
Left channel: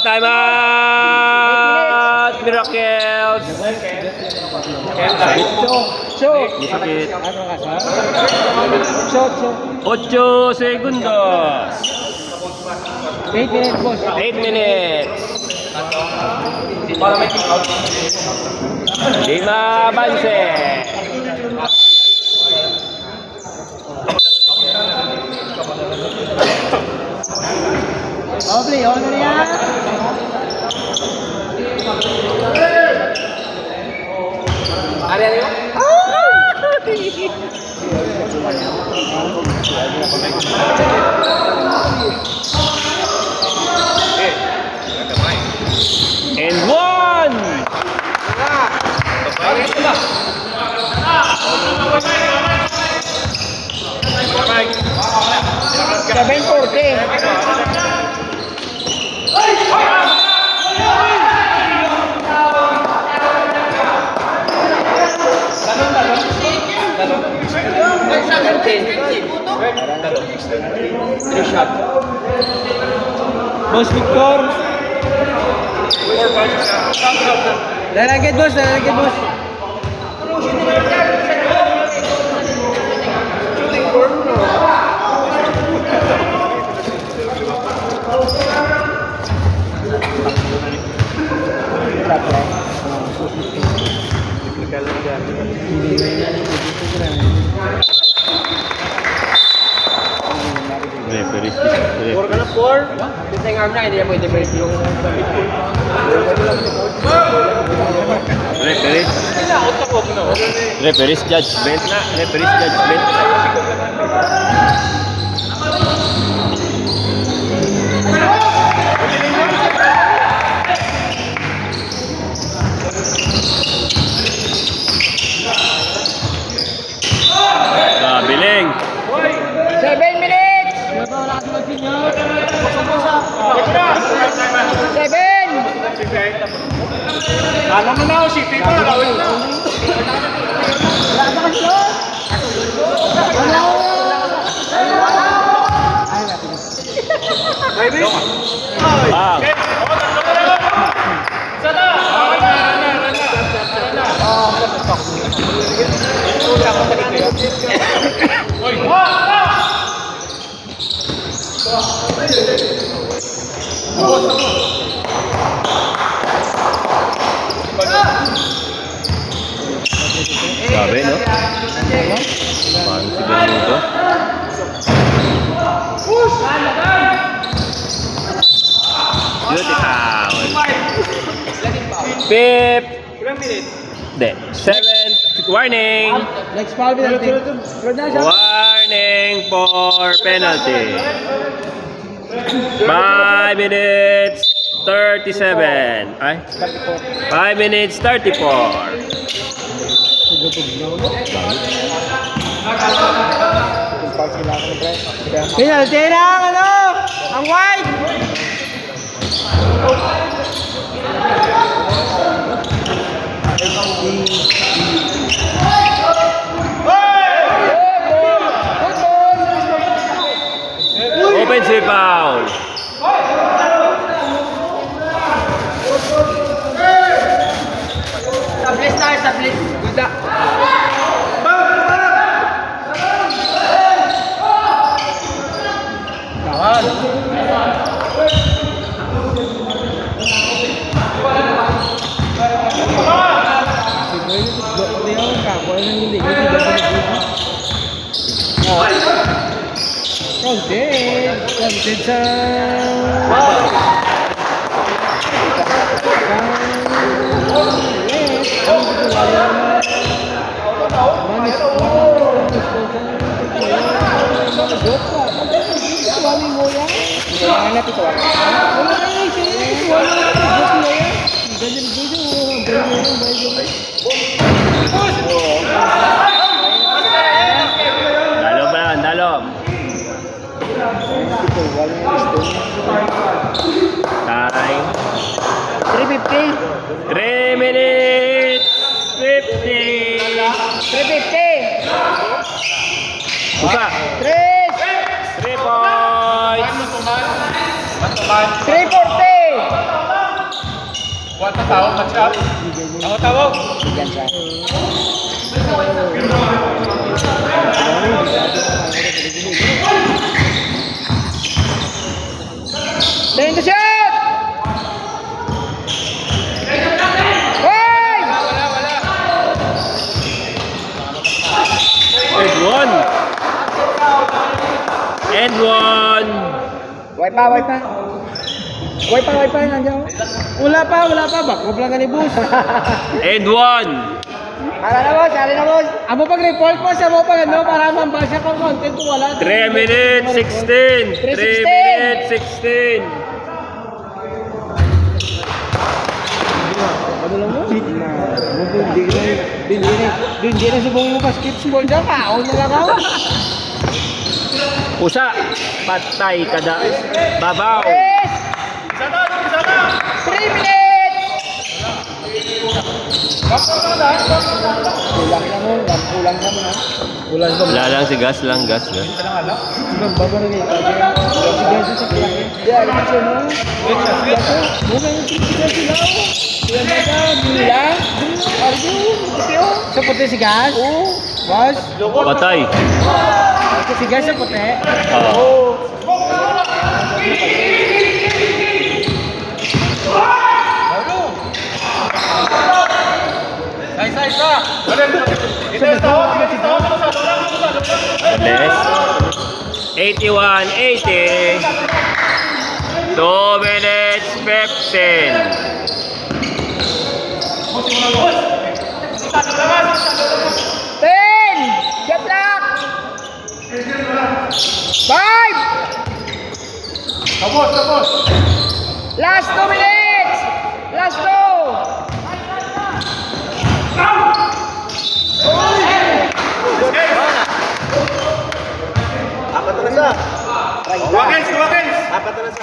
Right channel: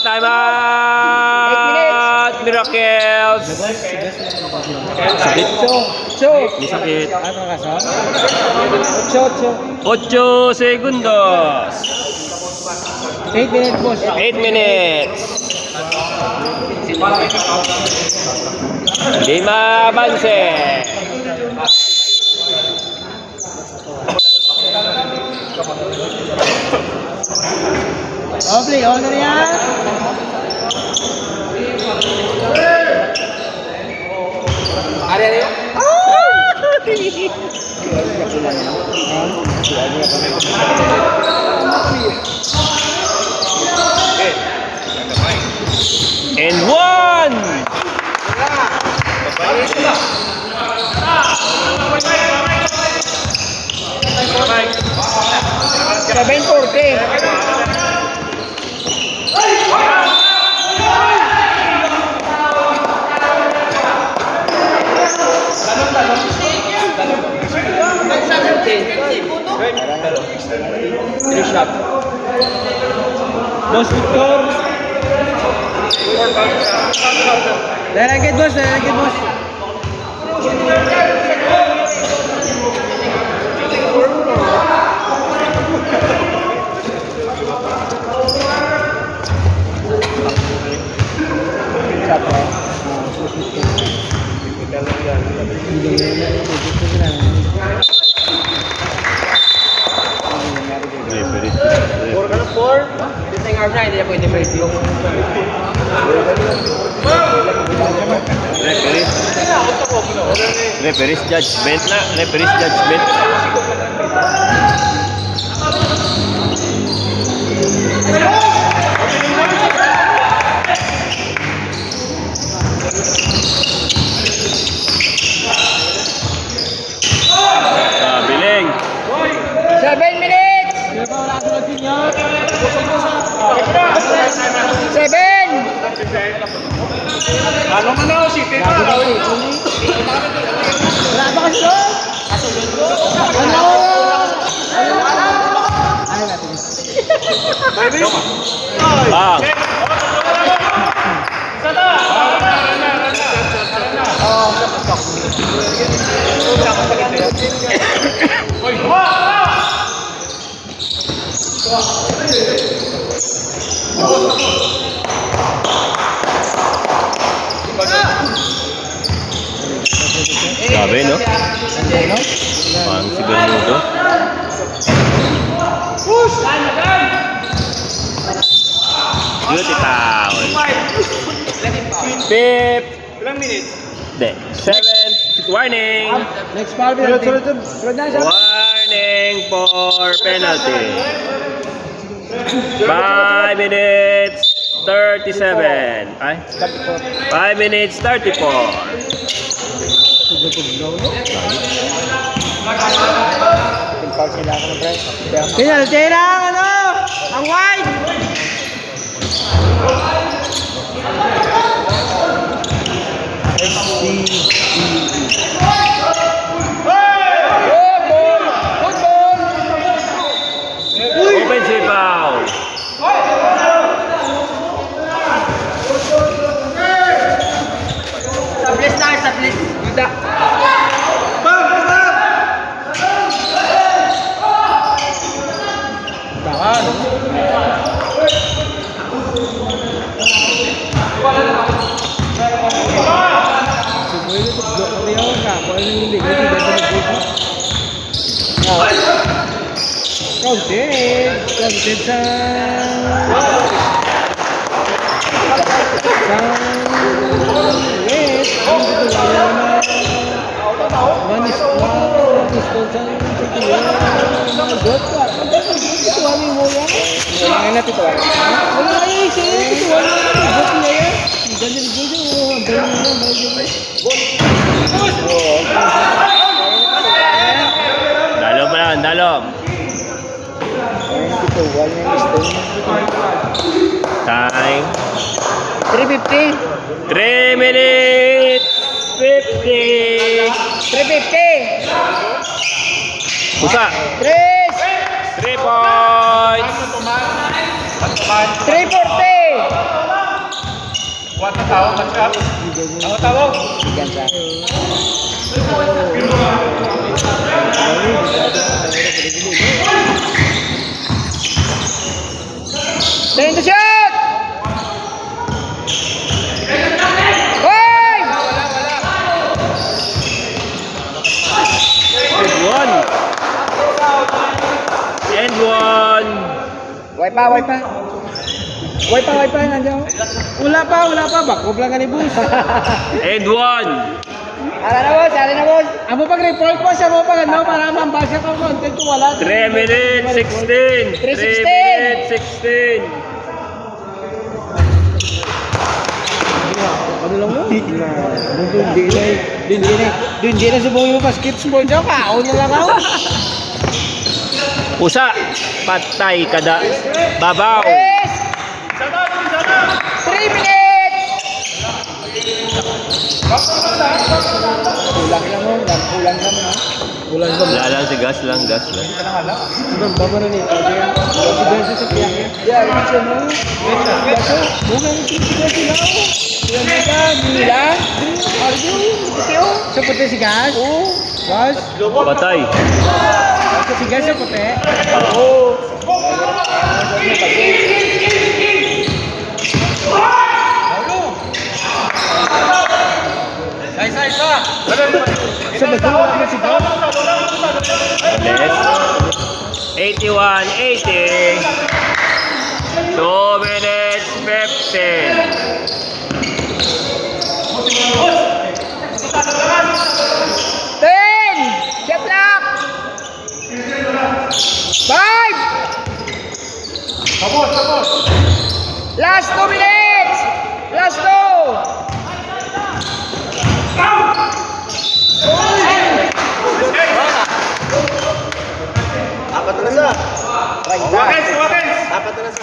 Time out. Miracles. Sakit. Sakit. 8 segundos. 8 minutes, boss. 8 minutes. Lima avance. Play, on na yan. And 1. Seven 40. Boss Victor. Lalagyan boss. Yung arm na, hindi na pwede break yung... Referee's judgment na. Referee's judgment. Biling. 7 minutes! 7! Ano mo na ako, si Pipa? Ah. Grabe, no? Parang si Benuto. Beauty foul. Fifth. Hindi. Seventh. Warning. Next foul penalty. Warning for penalty. 5 minutes 37. Ay? 5 minutes 34. Penalty lang, ano? Ang wide! Offensive foul. Tablis na, tablis. Counted sa... Dalo pa lang, dalo. Time. 350. 3 minutes 50. 350. Usa. 3 points. 340. Time to shoot! Five! And one. Wipe pa, nandiyan. Wala pa, bakop lang ka ni boss. And one. Ala na boss. Amo pag-report po sa mo pag ano, para mambasa ko content ko wala. 3 minutes 16. 3 3:16. minutes 16. Ano lang mo? Hindi na subukan mo pa skip mo dyan ka. Una lang ako. Usa. Patay kada. Babaw. Yes! 3 minutes! Kulang naman ha? Kulang ba? Wala lang si gas lang. Baba na ni Tadya. Si Gaso sa kaya. Yeah, kasi mo. Gaso, muna ang si Gaso. Yan na ka, Mila. Arjo, Teo. Sa puti si Gas? Oo. Gas? Patay. Si Gas sa puti? Oo. Sa beto na si Gas? Less. 81-80. 2 minutes 15. Get lock! 5! Last 2 minutes! Last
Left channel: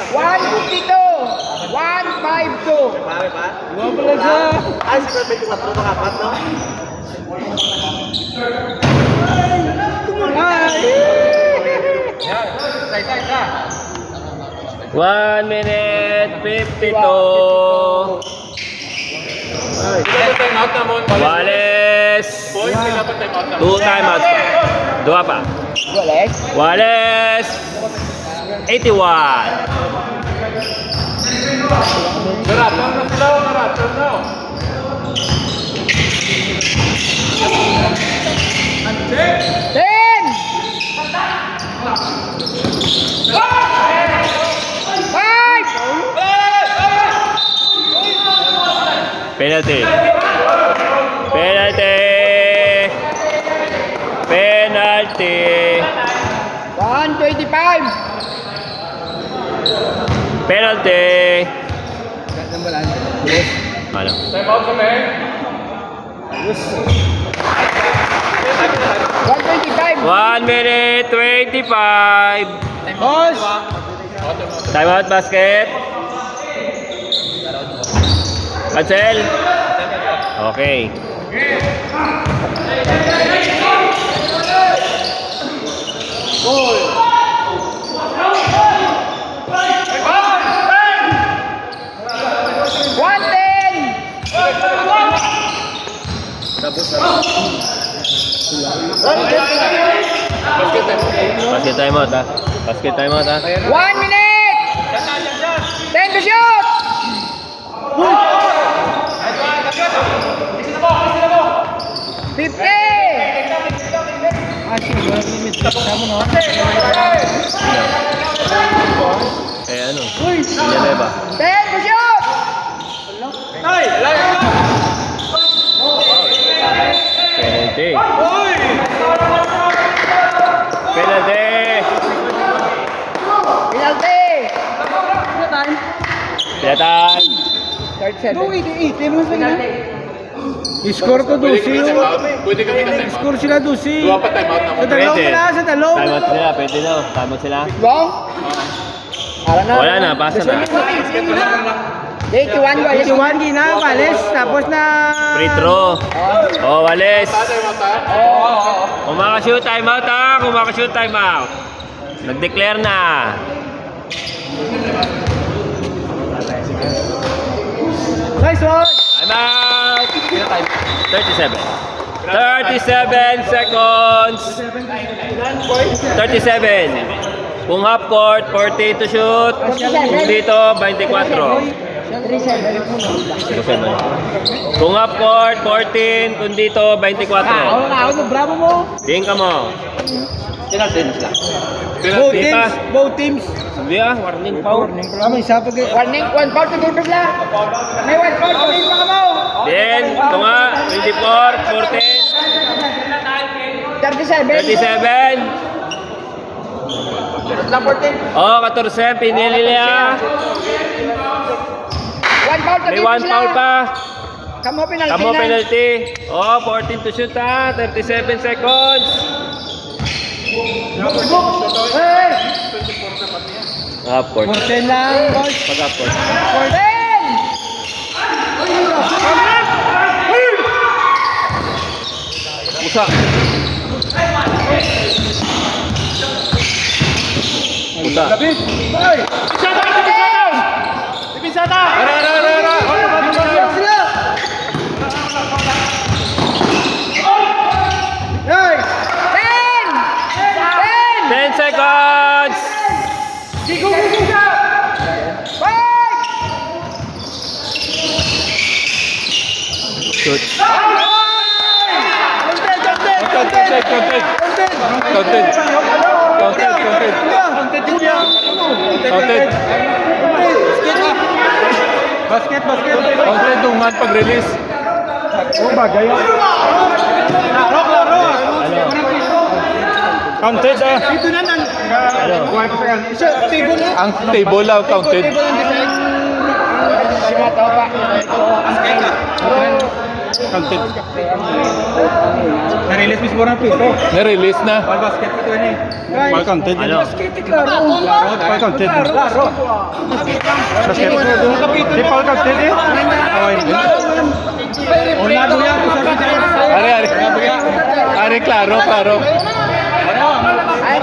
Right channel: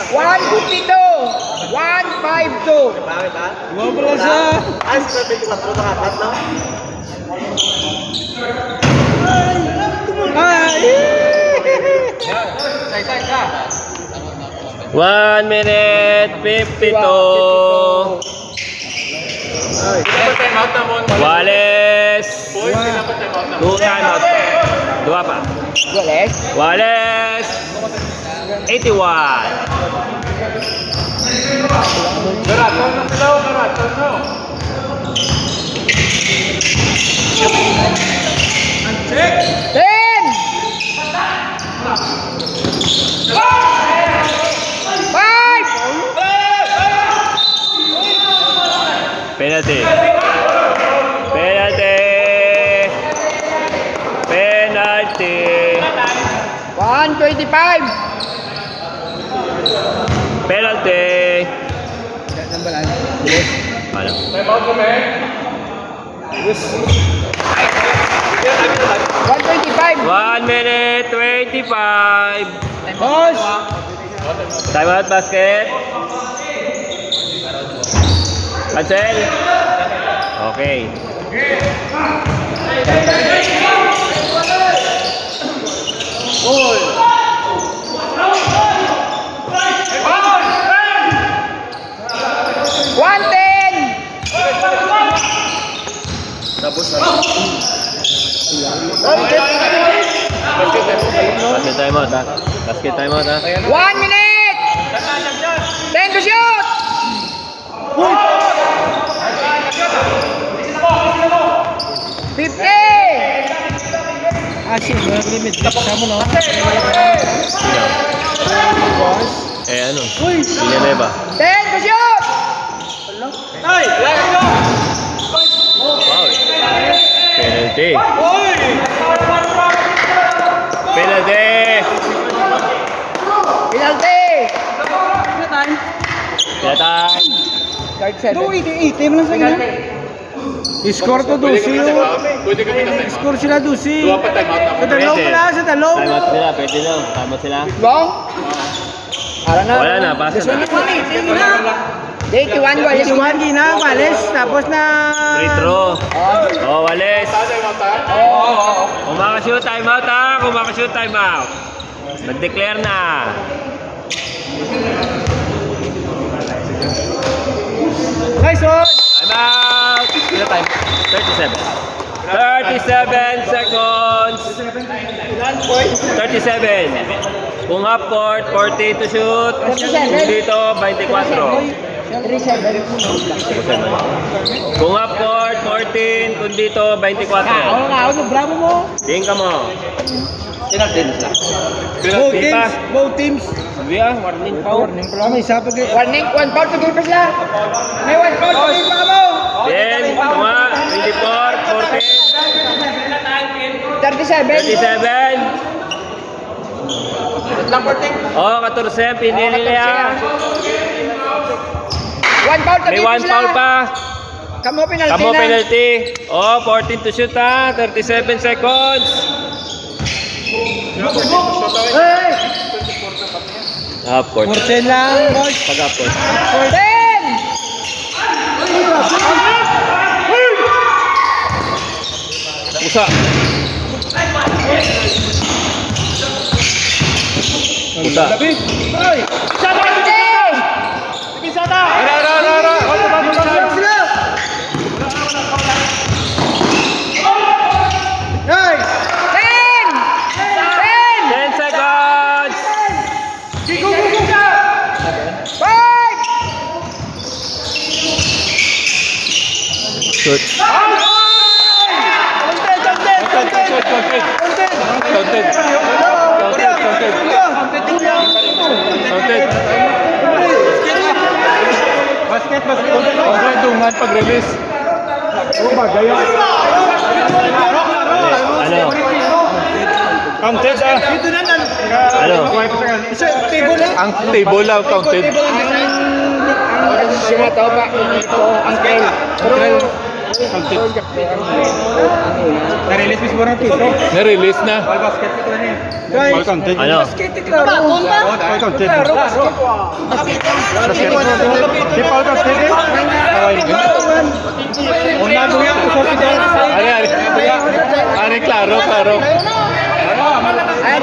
152! 152! Marami pa? Wala siya! Ay, sa 24 mga apat, no? Ay! 1 minute 52. Time out na mo. Wales. 2 timeouts pa. Dua pa. Goles? Wales. Ten! Five! Penalty. Penalty. Penalty. 125! Penalty. Wala. 125! 1 minute 25. Boss! Time out basket. Cancel. Okay. One ten! Basket time out ha. Basket time out ha. 1 minute! 10 to shoot! Fifty! Eh ano? Villanueva. 10 to shoot! Penalty. Penalty. Penalty! Penalty. Third seven. Score to 12 yung... Score sila 12. Dua pa time out na. Sa dalaw mo na, sa dalaw. Time out sila. Pwede na. Time out sila. Long? Ara na. Wala na. Pasa na. Day, Kiwan, Walis. Kiwan, di na, Walis. Tapos na... Free throw. Oh, Walis. Kung makashoot, time out ha. Kung makashoot, time out. Nag-declare na. Nice one! Time out. Sino time? 37. 37 seconds. 37. Kung half court, 40 to shoot. 37. Dito, 24. 37. Kung half court, 14. Kung dito, 24. Ako, bravo mo. Tingin ka mo. Both Penalty pa. teams. Both teams. Sabi ah, warning foul. Warning pala. May isa pa kayo. Warning, 1 foul sa game sila. May 1 foul sa game pa mo. Then, tama, 24, 37. 14, 37. Oh, 14, pinili niya. 1 foul sa May game 1 foul pa. Kamo penalty Kamo na. penalty. Oh, 14 to shoot ha. 37 seconds. Hey! Half court. 14 lang, boss. Pag half court. 14! Usa. Usa. Labit! Hoy! Hey! 10! 10 seconds. Shoot. Basket. Ang tungan pag-release. Oh, bagay ah. Ano? Counted ah. Ito na nan. Ano? Isa, table lang. Ang table lang counted. Table ang design. Siya tao pa. Ito, ang kaya. Counted. Na-release mismo ng puto. Na-release na. Ball basket ko niya. Guys, All counted. Ano? basket klaro. All counted. Klaro basket. Basket lang. Di pa all counted eh. Ari, klaro. Ay,